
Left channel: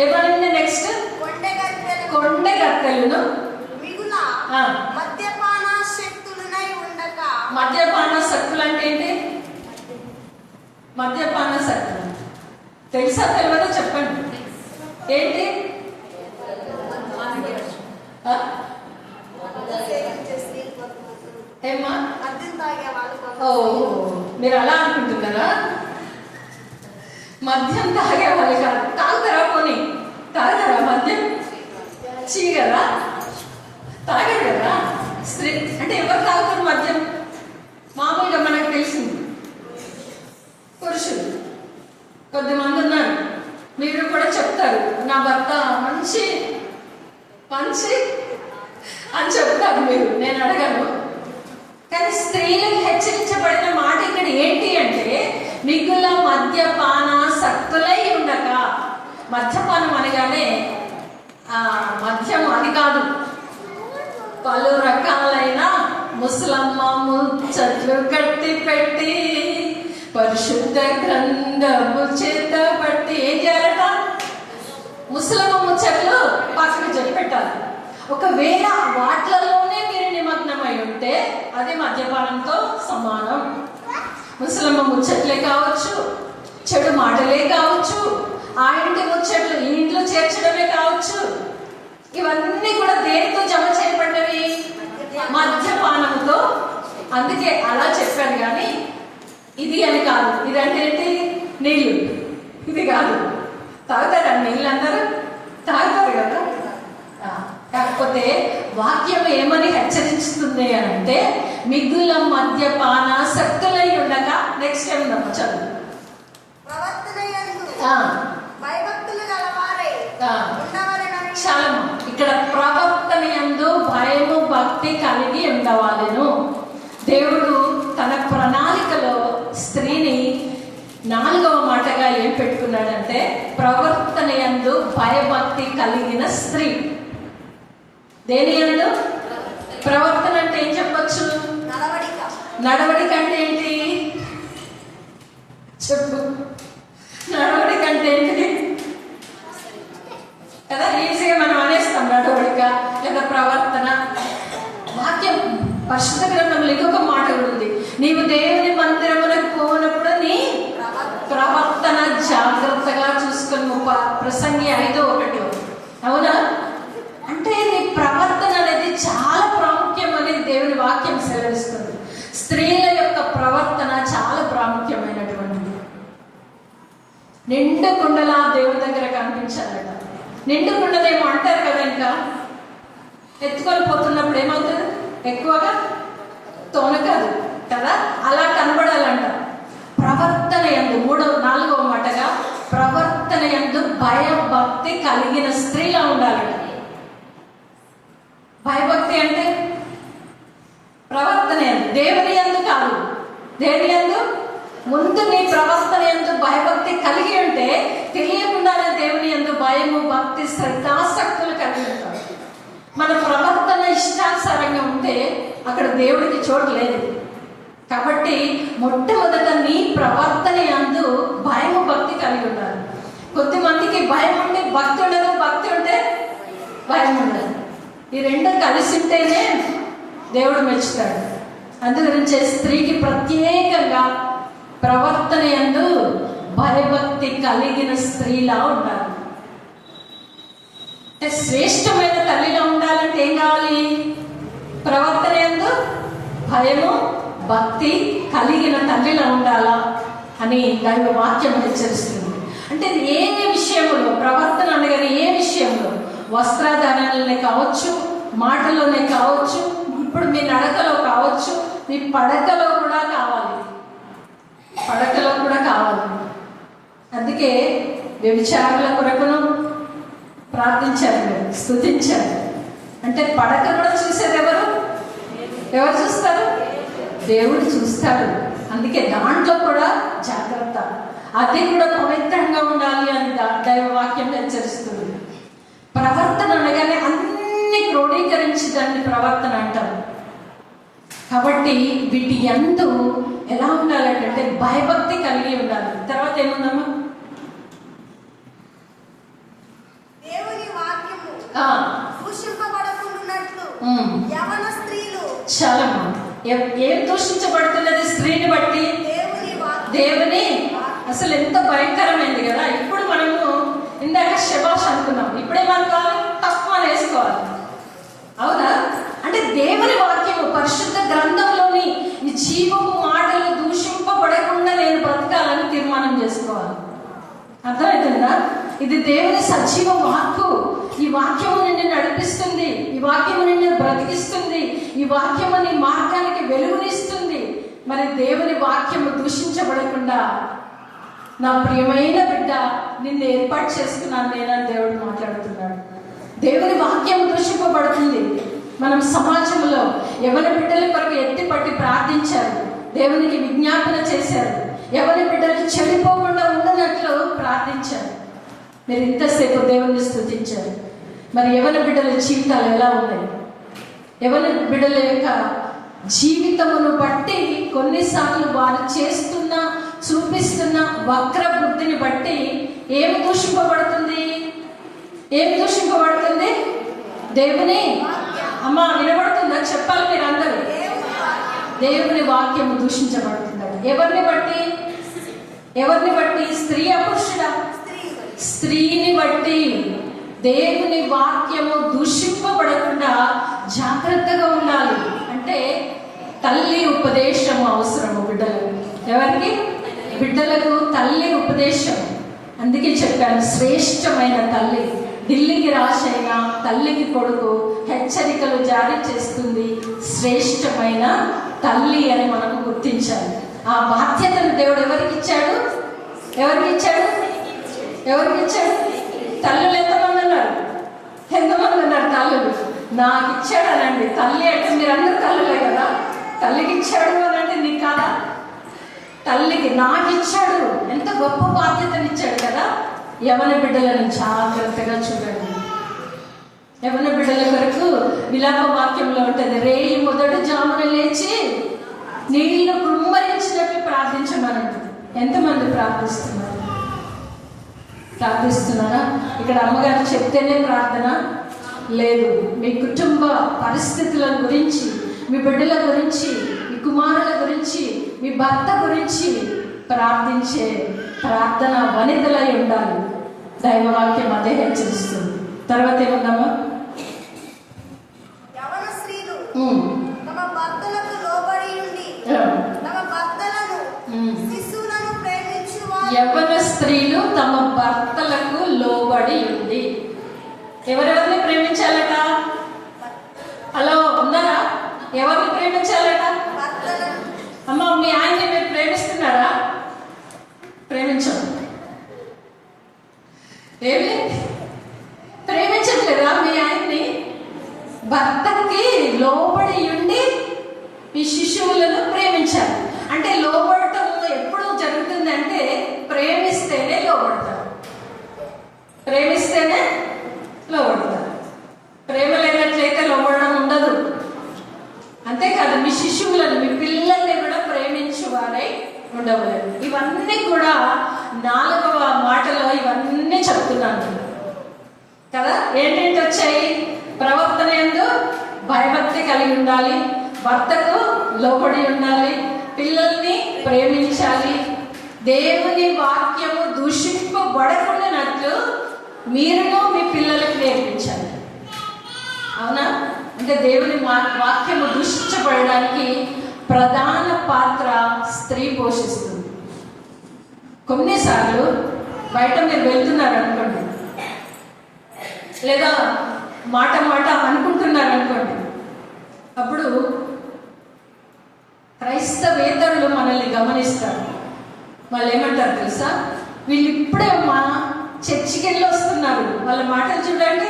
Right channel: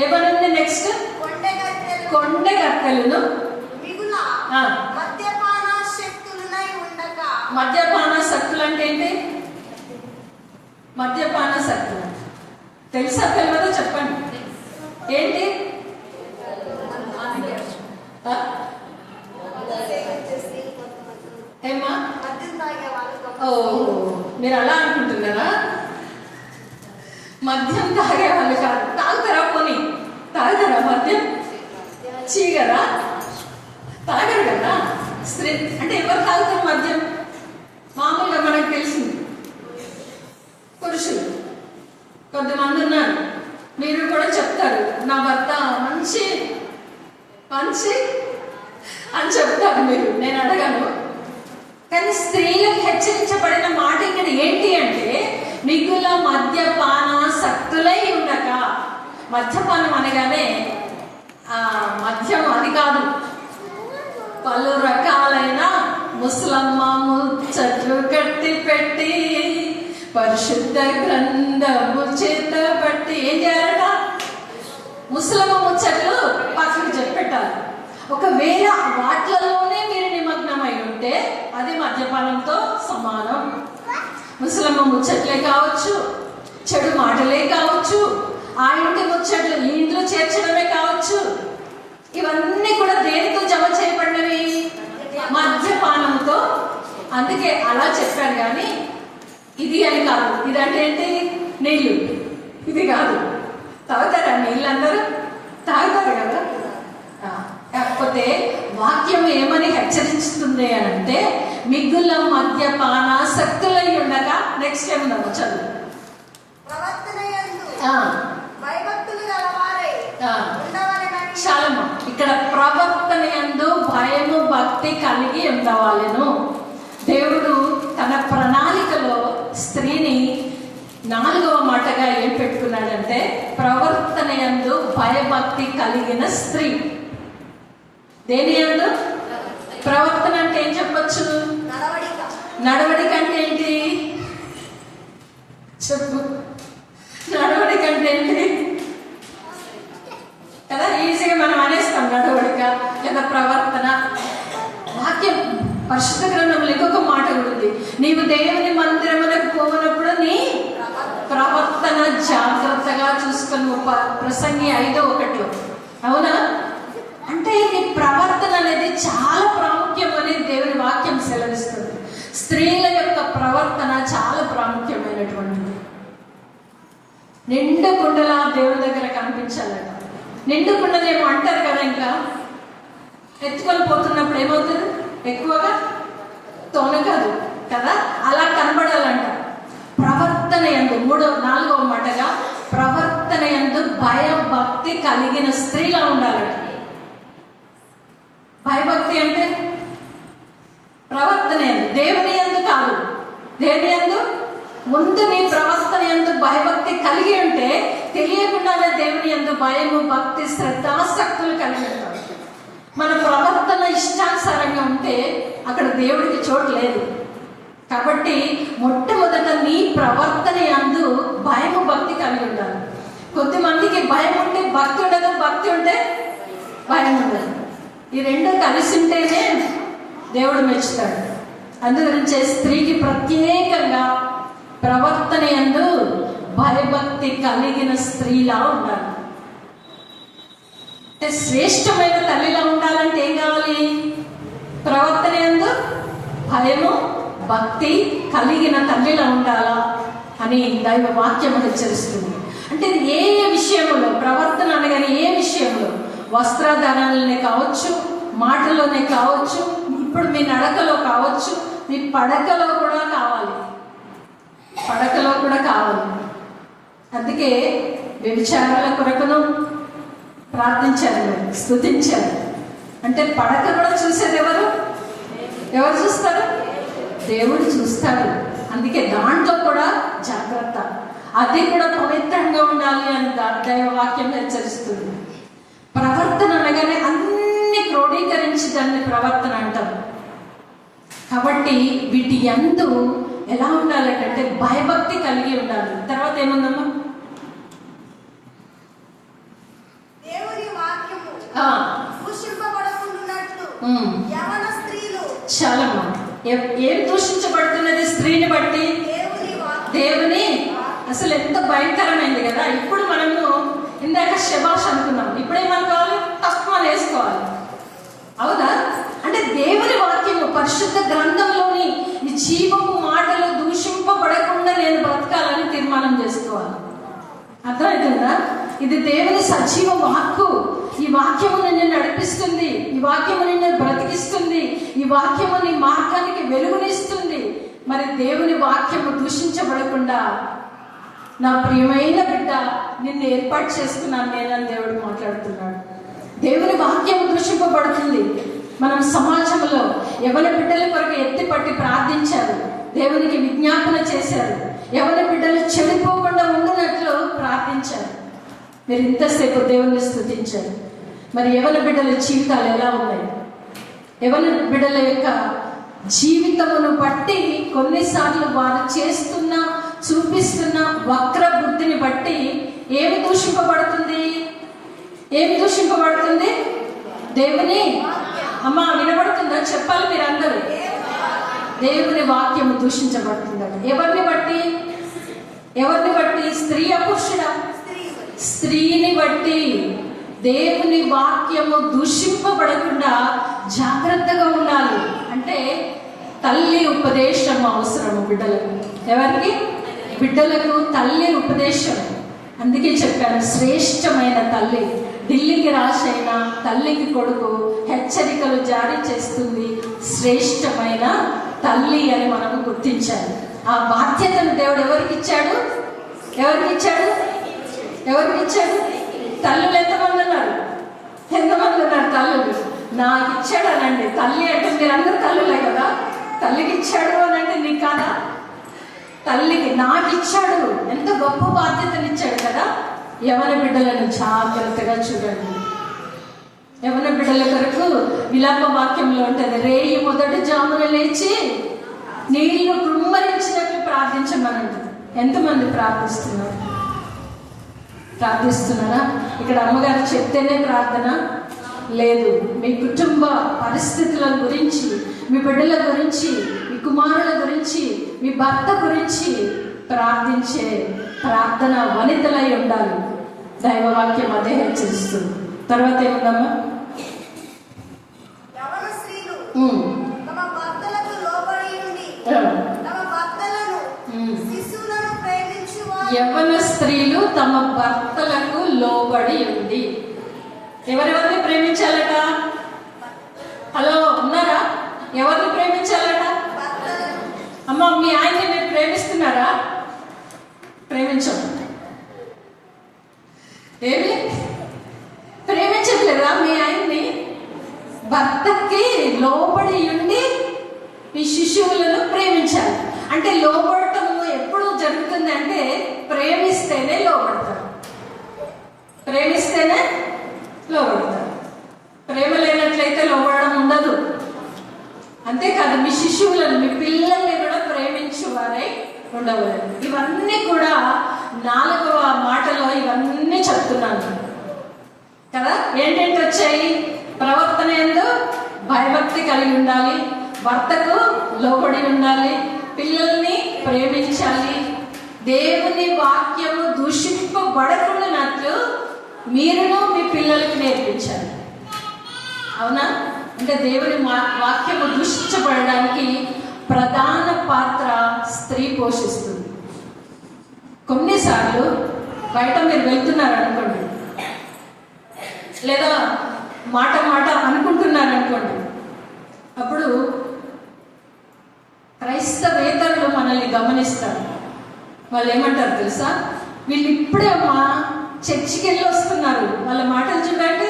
ఏమనండి? నెక్స్ట్ కొండెగత్తెలను మిగుల మద్యపానాసక్తులనై ఉండక. మద్యపానాసక్తులు అంటే ఏంటి? మద్యపానాసక్తులు తెలుసా తెలియదో చెప్పండి. ఏంటి? ఏమా? మద్యం తాగే వాళ్ళు. ఓ, మీరు అలా అనుకుంటున్నారా? మద్యం తాగే వాళ్ళు కాదు. తాగుతారా? పోనీ తాగుతారా మద్యం? చీగరా? తాగరు కదా. స్త్రీ అంటే ఎవరు తాగుతారు మద్యం? మామూలుగా మనకు తెలిసింది పురుషులు. కొద్దిమంది ఉన్నారు, మీరు కూడా చెప్తారు, నా భర్త మంచి మంచి అని చెప్తారు మీరు, నేను అడగను. కానీ స్త్రీలకు హెచ్చరించబడిన మాట ఇక్కడ ఏంటి అంటే, మిగుల మద్యపానాసక్తులై ఉండక. మద్యపానం అనగానే మద్యం అది కాదు, పలు రకాలైన ముసలమ్మ ముచ్చట్లు కట్టి పెట్టి పరిశుద్ధ గ్రంథము చేత పట్టి ఏం చేయాలట? ముసలమ్మ ముచ్చట్లు పక్కకు చెప్పెట్టాలి. ఒకవేళ వాట్లలోనే మీరు నిమగ్నమై ఉంటే అది మద్యపానంతో సమానం. ముసలమ్మ ముచ్చట్లే కావచ్చు, చెడు మాటలే కావచ్చు, ఆ ఇంటి ముచ్చట్లు ఈ ఇంట్లో చేర్చడమే కావచ్చు, ఇవన్నీ కూడా దేనితో జమ చేయబడినవి? మద్యపానంతో. అందుకే అలా చెప్పారు, కానీ ఇది అని కాదు. ఇదంటే ఏంటి? నీళ్ళు. ఇది కాదు. తాగుతారా నీళ్ళు? అందరూ తాగుతారు కదా. కాకపోతే వాక్యం ఏమని హెచ్చరిస్తుంది అని అంటే, మిగుల మద్యపానాసక్తులై ఉండగా. నెక్స్ట్ ఏముందమ్మా చదువు. భయభక్తులు గలవారై ఉండవలెనని. చాలమ్మా, ఇక్కడ ప్రవర్తన యందు భయము భక్తి కలిగి ఉండవాలెను. దేవుడు తన ప్రణాళికలో స్త్రీని 4వ మాటగా ఏం పెట్టుకున్నాడంటే, ప్రవర్తన యందు భయభక్తి కలిగిన స్త్రీ. దేని యందు? ప్రవర్తన అంటే ఏం చెప్పచ్చు? నడవడిక అంటే ఏంటి చెప్పు? నడవడిక అంటే ఏంటి కదా, ఈజీగా మనం అనేస్తాం నడవడిక లేదా ప్రవర్తన. వాక్యం పరిశుద్ధ గ్రంథంలో ఇంకొక మాట కూడా ఉంది, నీవు దేవుని మందిరమునకు పోనప్పుడు నీ ప్రవర్తన జాగ్రత్తగా చూసుకుని. ప్రసంగి 5:1. అవునా? అంటే నీ ప్రవర్తన అనేది చాలా ప్రాముఖ్యం అనేది దేవుని వాక్యం సెలవిస్తుంది. స్త్రీల యొక్క ప్రవర్తన చాలా ప్రాముఖ్యమైనటువంటిది. నిండు కుండలా దేవుడి దగ్గర కనిపించాలట. నిండు కుండనేమో అంటారు కదా, ఇంకా ఎత్తుకొని పోతున్నప్పుడు ఏమవుతుంది? ఎక్కువగా తొనకదు కదా, అలా కనబడాలంట. ప్రవర్తన యందు 4వ మాటగా ప్రవర్తన యందు భయభక్తి కలిగిన స్త్రీలా ఉండాలట. భయభక్తి అంటే ప్రవర్తన యందు, దేవుని యందు కాదు. దేవుని యందు ముందు నీ ప్రవర్తన యందు భయభక్తి కలిగి ఉంటే తెలియకుండానే దేవుని యందు భయము భక్తి శ్రద్ధాసక్తులు కలిగి ఉంటారు. మన ప్రవర్తన ఇష్టానుసారంగా ఉంటే అక్కడ దేవుడికి చోటు లేదు. కాబట్టి మొట్టమొదట నీ ప్రవర్తన యందు భయము భక్తి కలిగి ఉండాలి. కొద్దిమందికి భయం ఉంటే భక్తి ఉండదు, భక్తి ఉంటే భయం ఉండదు. ఈ రెండు కలిసి ఉంటేనే దేవుడు మెచ్చుతాడు. అందుగురించే స్త్రీకి ప్రత్యేకంగా ప్రవర్తన యందు భయభక్తి కలిగిన స్త్రీలా ఉండాలి. అంటే శ్రేష్టమైన తల్లిలా ఉండాలంటే ఏం కావాలి? ప్రవర్తన యందు భయము భక్తి కలిగిన తల్లిలా ఉండాలా అని దైవ వాక్యం హెచ్చరిస్తుంది. అంటే ఏ విషయంలో ప్రవర్తన అనగానే ఏ విషయంలో? వస్త్రధారణలనే కావచ్చు, మాటలోనే కావచ్చు, ఇప్పుడు మీ నడకలో కావచ్చు, మీ పడకలో కూడా కావాలి. పడకలో కూడా కావాలి. అందుకే వ్యభిచారాల కొరకును ప్రార్థించారు, స్తుతించారు. అంటే పడక కూడా చూసేది ఎవరు? ఎవరు చూస్తారు? దేవుడు చూస్తాడు. అందుకే దాంట్లో కూడా జాగ్రత్త, అది కూడా పవిత్రంగా ఉండాలి అని దైవ వాక్యం హెచ్చరిస్తుంది. ప్రవర్తన అనగానే అన్ని క్రోడీకరించి దాన్ని ప్రవర్తన అంటారు. కాబట్టి వీటి యందు ఎలా ఉండాలంటే భయభక్తి కలిగి ఉండాలి. తర్వాత ఏముందమ్మా? దేవుని వాక్యము దూషింపబడకుండునట్లు యవన స్త్రీలు. చాలా ఏం దూషించబడుతున్నది? స్త్రీని బట్టి దేవుని. అసలు ఎంత భయంకరమైంది కదా. ఇప్పుడు మనము ఇందాక శబాష్ అనుకున్నాం, ఇప్పుడేమనుకోవాలి? తక్కువ వేసుకోవాలి. అవునా? అంటే దేవుని వాక్యము పరిశుద్ధ గ్రంథంలోని ఈ జీవము మాటలు దూషింపబడకుండా నేను బ్రతకాలని తీర్మానం చేసుకోవాలి. అర్థమవుతుందా? ఇది దేవుని సజీవ వాక్కు. ఈ వాక్యము నిన్ను నడిపిస్తుంది, ఈ వాక్యము నిన్ను బ్రతికిస్తుంది, ఈ వాక్యము నీ మార్గానికి వెలుగునిస్తుంది. మరి దేవుని వాక్యము దూషించబడకుండా నా ప్రియమైన బిడ్డ నిన్ను ఏర్పాటు చేసుకున్నాను నేనని దేవుడు మాట్లాడుతున్నాడు. దేవుని వాక్యం దూషింపబడుతుంది. మనం సమాజంలో యవన బిడ్డల కొరకు ఎత్తిపట్టి ప్రార్థించారు, దేవునికి విజ్ఞాపన చేశారు, యవన బిడ్డలు చెడిపోకుండా ఉండనట్లు ప్రార్థించారు. మీరు ఇంతసేపు దేవుని స్తుతించారు. మరి యవన బిడ్డల జీవితాలు ఎలా ఉన్నాయి? యవన బిడ్డల యొక్క జీవితమును బట్టి కొన్నిసార్లు వారు చేస్తున్న చూపిస్తున్న వక్ర బుద్ధిని బట్టి ఏమి దూషింపబడుతుంది? ఏమి దూషింపబడుతుంది? దేవుని అమ్మ వినబడుతుందా? చెప్పాలి మీరందరూ. దేవుని వాక్యం దూషించబడుతుంది. ఎవరిని బట్టి? ఎవరిని బట్టి? స్త్రీ పురుషుడా? స్త్రీని బట్టి. దేవుని వాక్యము దూషింపబడకుండా జాగ్రత్తగా ఉండాలి. అంటే తల్లి ఉపదేశం అవసరము బిడ్డలకు. ఎవరికి? బిడ్డలకు తల్లి ఉపదేశం. అందుకే చెప్పాను, శ్రేష్టమైన తల్లి. ఢిల్లీకి రాసైన తల్లికి కొడుకు హెచ్చరికలు జారీ చేస్తుంది. శ్రేష్టమైన తల్లి అని మనకు గుర్తించాలి. ఆ బాధ్యతను దేవుడు ఎవరికి ఇచ్చాడు? ఎవరికి ఇచ్చాడు? ఎవరికి ఇచ్చాడు? తల్లులు ఎంతమంది ఉన్నారు? ఎంతమంది ఉన్నారు తల్లులు? నాకు ఇచ్చాడు అనండి. తల్లి అంటే మీరందరూ తల్లులే కదా. తల్లికి ఇచ్చాడు అని అంటే నీకు కాదా? తల్లికి నాకు ఇచ్చాడు. ఎంత గొప్ప బాధ్యతను ఇచ్చాడు కదా. యవన బిడ్డలను జాగ్రత్తగా చూడండి. యవన బిడ్డల కొరకు విలాప వాక్యంలో ఉంటుంది, రేయి మొదటి జామున లేచి నీళ్లు కృమ్మరించినట్లు ప్రార్థించమనండి. ఎంతమంది ప్రార్థిస్తున్నారు? ప్రార్థిస్తున్నారా? ఇక్కడ అమ్మగారు చెప్తేనే ప్రార్థన లేదు. మీ కుటుంబ పరిస్థితుల గురించి, మీ బిడ్డల గురించి, మీ కుమారుల గురించి, మీ భర్త గురించి ప్రార్థించే ప్రార్థన వనితలై ఉండాలి. దైవవాక్యం అదే హెచ్చరిస్తుంది. తర్వాత ఏముందమ్మా? యవన స్త్రీలు తమ భర్తలకు లోబడి ఉండి తమ భర్తలను శిశువులను ప్రేమించువారు. యవన స్త్రీలు తమ భర్తలకు లోబడి ఉంది. ఎవరెవరిని ప్రేమించాలట? హలో ఉన్నారా? ఎవరిని ప్రేమించాలట? అమ్మ మీ ఆయన్ని మీరు ప్రేమిస్తున్నారా? ప్రేమించండి. ఏమి ప్రేమించట్లేదా మీ ఆయన్ని? భర్తకి లోబడి ఉండి ఈ శిశువులను ప్రేమించాలి. అంటే లోబడటం ఎప్పుడు జరుగుతుంది అంటే ప్రేమిస్తేనే లోబడతారు. ప్రేమిస్తేనే లోబడతారు. ప్రేమ లేనట్లయితే లోబడడం ఉండదు. అంతేకాదు, మీ శిశువులను, మీ పిల్లల్ని కూడా ప్రేమించువారై ఉండవాలి. ఇవన్నీ కూడా 4వ మాటలో ఇవన్నీ చెప్తున్నాను కదా. ఏంటంటే వచ్చాయి? ప్రవర్తన యందు భయభక్తి కలిగి ఉండాలి, భర్తకు లోబడి ఉండాలి, పిల్లల్ని ప్రేమించాలి, దేవుని వాక్యము దూషింపబడకున్నట్లు మీరును మీ పిల్లలకు నేర్పించాలి. అవునా? అంటే దేవుని వాక్యము దూషించబడడానికి ప్రధాన పాత్ర స్త్రీ పోషిస్తుంది. కొన్నిసార్లు బయట మీరు వెళ్తున్నారు అనుకోండి, లేదా మాట అనుకుంటున్నారు అనుకోండి, అప్పుడు క్రైస్తవేతరులు మనల్ని గమనిస్తారు. వాళ్ళు ఏమంటారు తెలుసా? వీళ్ళు ఇప్పుడే అమ్మా చర్చికి వెళ్ళి వస్తున్నారు, వాళ్ళ మాటలు చూడండి.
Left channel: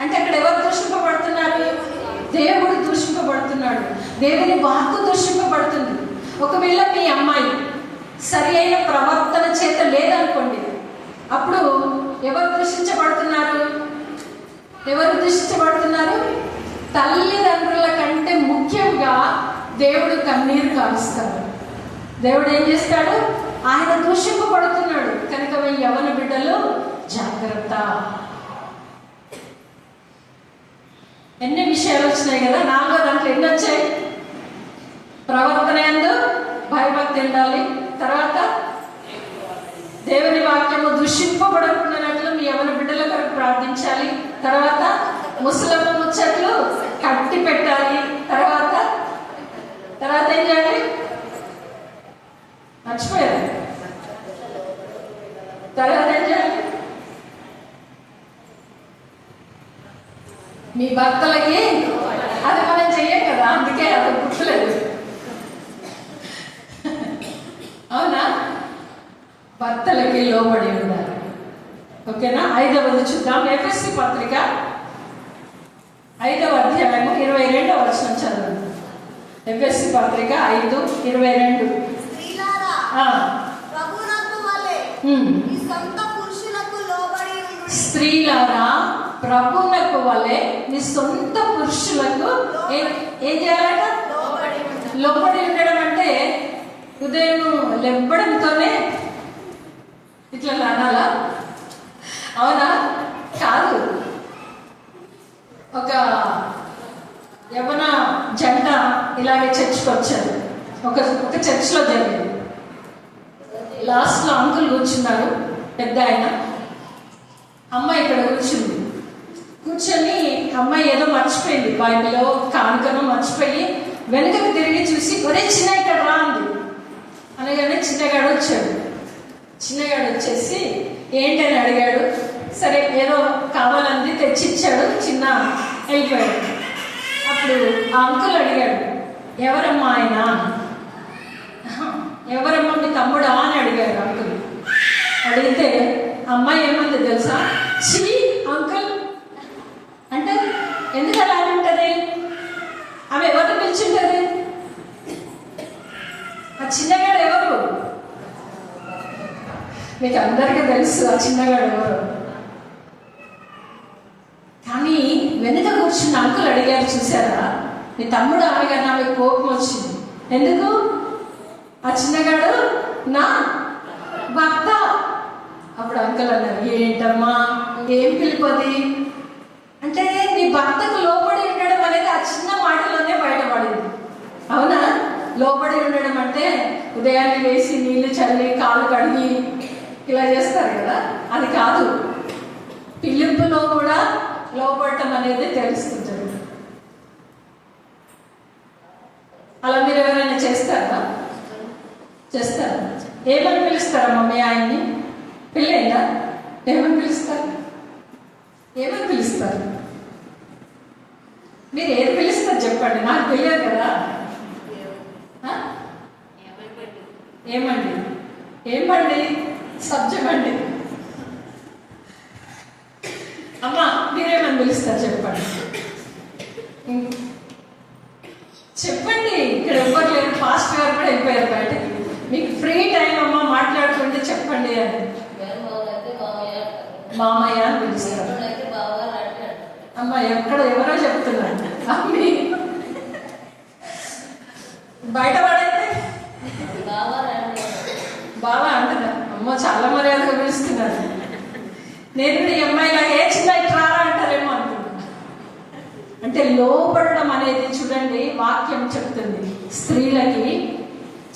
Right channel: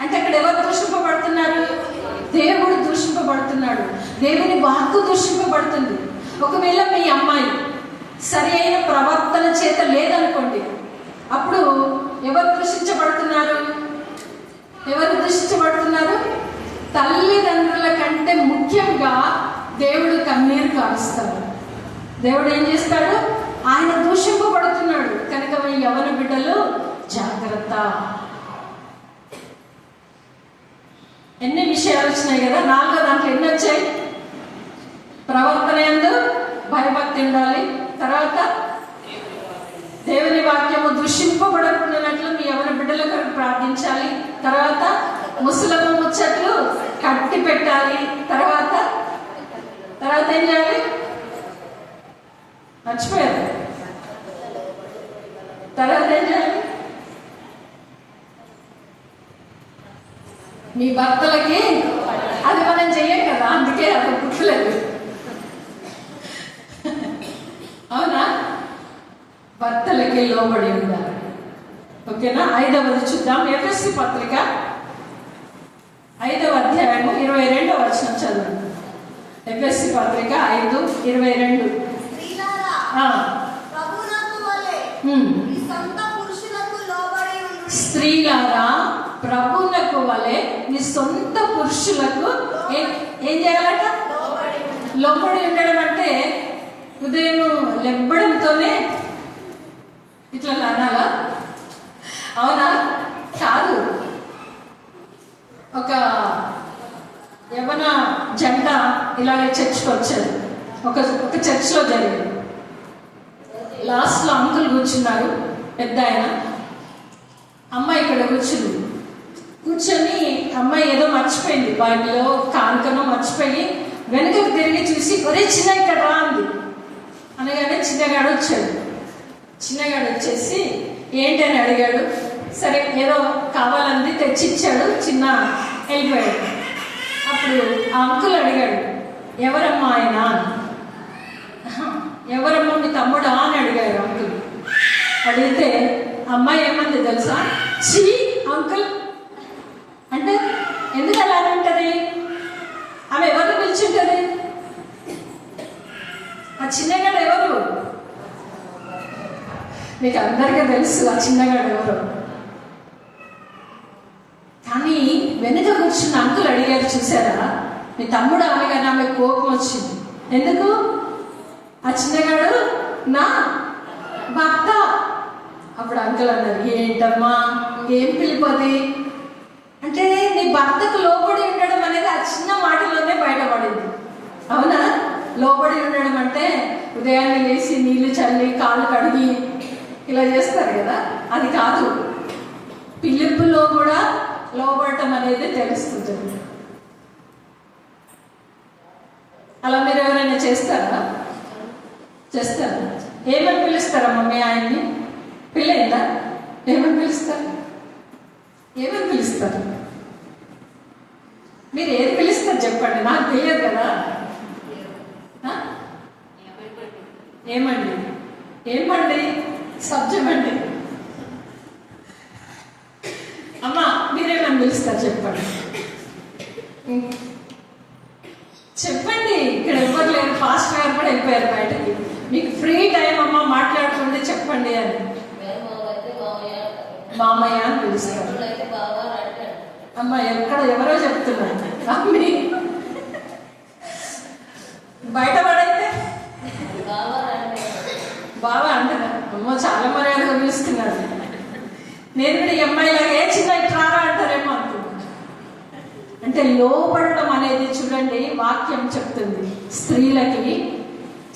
అంటే అక్కడ ఎవరు దూషింపబడుతున్నారు? దేవుడు దూషింపబడుతున్నాడు, దేవుని వాక్కు దూషింపబడుతుంది. ఒకవేళ మీ అమ్మాయి సరి అయిన ప్రవర్తన చేత లేదనుకోండి, అప్పుడు ఎవరు దూషించబడుతున్నారు? తల్లిదండ్రుల కంటే ముఖ్యంగా దేవుడు కన్నీరు కారుస్తాడు. దేవుడు ఏం చేస్తాడు? ఆయన దూషింపబడుతున్నాడు కనుక యవన బిడ్డలు జాగ్రత్త. ఎన్ని విషయాలు వచ్చినాయి కదా, 4వ దాంట్లో ఎన్ని వచ్చాయి? ప్రవర్తన యందు భయభక్తి ఉండాలి, తర్వాత దేవుని వాక్యము దూషింపబడుతున్నట్లు మీ యవన బిడ్డల కొరకు ప్రార్థించాలి, తర్వాత ముసలమ్మ ముచ్చట్లు కట్టి పెట్టాలి, తర్వాత ఏం చేయాలి? మర్చిపోయారు. తర్వాత ఏం చేయాలి? మీ భర్తలకి అది మనం చెయ్యం కదా, అందుకే అది గుర్తులేదు. అవునా? భర్తలకి లోబడి ఉండాలి. ఓకేనా? 5వది చూద్దాం. ఎఫెసీ పత్రిక 5వ అధ్యాయము 22వ వచనం చదవండి. ఎఫెసీ పత్రిక 5:22. స్త్రీలారా ప్రభువునకు వలె మీ సొంత పురుషులకు ఏం చేయాలట? లోబడి ఉండడం అంటే ఉదయం లెబ్బడంతోనే ఇట్లా అనాలా? అవునా? కాదు. ఒక యవ్వన జంట ఇలాగే చర్చ్కి వచ్చారు. ఒక చర్చ్లో జరిగింది. లాస్ట్లో అంకుల్ కూర్చున్నారు, పెద్ద ఆయన. అమ్మాయి ఇక్కడ కూర్చొని అమ్మాయి ఏదో మర్చిపోయింది, బైబిల్లో కానుకను మర్చిపోయి వెనుకకు తిరిగి చూసి ఒరే చిన్న ఇక్కడ రా అంది. అనగానే చిన్నగాడు వచ్చేసి ఏంటని అడిగాడు. సరే ఏదో కావాలంది తెచ్చిచ్చాడు, చిన్న వెళ్ళిపోయాడు. అప్పుడు ఆ అంకుల్ అడిగాడు, ఎవరమ్మా ఆయన? ఎవరమ్మా మీ తమ్ముడా అని అడిగాడు అంకుల్. అడిగితే అమ్మాయి ఏమంది తెలుసా? చీ అంకుల్ అంటే ఎందుకు అలా అంటది? ఆమె ఎవరిని పిలిచింటది? ఆ చిన్నగాడు ఎవరు? మీకు అందరికీ తెలుసు ఆ చిన్నగాడు ఎవరు. కానీ వెనుక కూర్చున్న అంకుల్ అడిగారు, చూసారా మీ తమ్ముడు అనగానే ఆమె కోపం వచ్చింది. ఎందుకు? ఆ చిన్నగాడు నా భర్త. అప్పుడు అంకుల్ అన్నారు, ఏంటమ్మా ఏం పిలిపది అంటే నీ భర్తకు లోబడి ఉండడం అనేది ఆ చిన్న మాటలోనే బయటపడింది. అవునా? లోబడి ఉండడం అంటే ఉదయాన్నే వేసి నీళ్లు చల్లి కాళ్ళు కడిగి ఇలా చేస్తారు కదా, అది కాదు. పిలుపులో కూడా లోబడటం అనేది తెలుస్తుంటుంది. అలా మీరు ఎవరైనా చేస్తారా? ఏమని పిలుస్తారమ్మా మీ ఆయన్ని? పిల్లైందా? ఏమని పిలుస్తారు? మీరు ఏది పిలుస్తారు చెప్పండి, నాకు తెలియదు కదా. ఏమండి సబ్జమండి. అమ్మా మీరేమని పిలుస్తారు చెప్పండి. ఇక్కడ ఎవ్వరు లేరు, ఫాస్ట్ గారు కూడా వెళ్ళిపోయారు బయటకి. మీకు ఫ్రీ టైం అమ్మ మాట్లాడుకుంటే చెప్పండి అని. మామయ్య అని పిలుస్తారు. అమ్మ ఎక్కడ ఎవరో చెప్తున్నారు, అమ్మి బయట పడైతే బాగా అంటున్నారు. అమ్మ చాలా మర్యాదగా పిలుస్తున్నారు. నేను కూడా ఈ అమ్మాయిలాగే చిన్న ఇట్లా అంటారేమో అనుకుంటున్నాను. అంటే లోపడడం అనేది చూడండి వాక్యం చెప్తుంది, స్త్రీలకి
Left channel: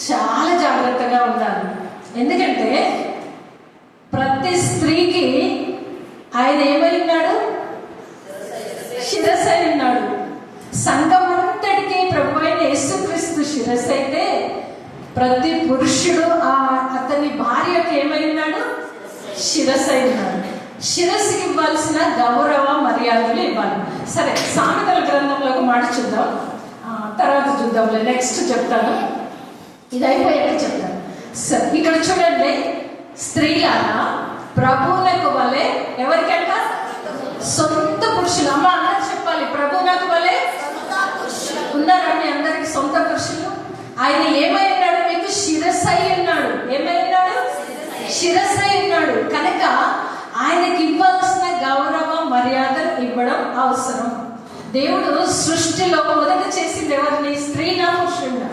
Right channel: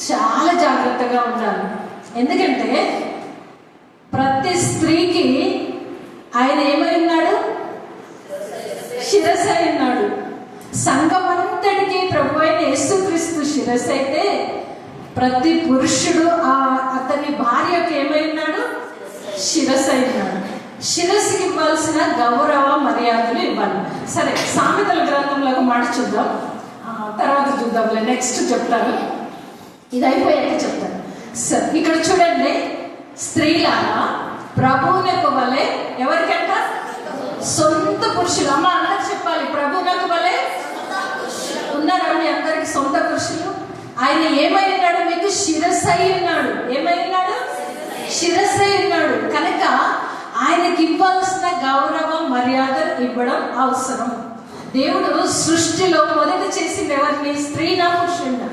చాలా జాగ్రత్తగా ఉండాలి. ఎందుకంటే ప్రతి స్త్రీకి ఆయన ఏమై ఉన్నాడు? శిరస్సు అయి ఉన్నాడు. సంఘమంతటికి ప్రభు అయిన యేసుక్రీస్తు శిరస్సు అయితే ప్రతి పురుషుడు అతని భార్యకు ఏమై ఉన్నాడు? శిరస్సు అయి ఉన్నాడు. శిరస్సుకి ఇవ్వాల్సిన గౌరవ మర్యాదలు ఇవ్వాలి. సరే, సామెతల గ్రంథంలో ఒక మాట చూద్దాం, తర్వాత చూద్దాంలే, నెక్స్ట్ చెప్తాను, ఇది అయిపోయాక చెప్తాను. ఇక్కడ చూడండి, స్త్రీలారా ప్రభువునకు వలె, ఎవరికంట? సొంత పురుషులు. అమ్మ అన్నది చెప్పాలి, ప్రభువునకు వలె ఉన్నారా మీ అందరికి సొంత పురుషులు? ఆయన ఏమై ఉన్నాడు? మీకు శిరస్సు అయి ఉన్నాడు. ఏమై ఉన్నాడు? శిరస్సు అయి ఉన్నాడు. కనుక ఆయనకి ఇవ్వాల్సిన గౌరవ మర్యాదలు ఇవ్వడం అవసరం. దేవుడు సృష్టిలో మొదట చేసింది ఎవరిని? స్త్రీనా పురుషుడినా?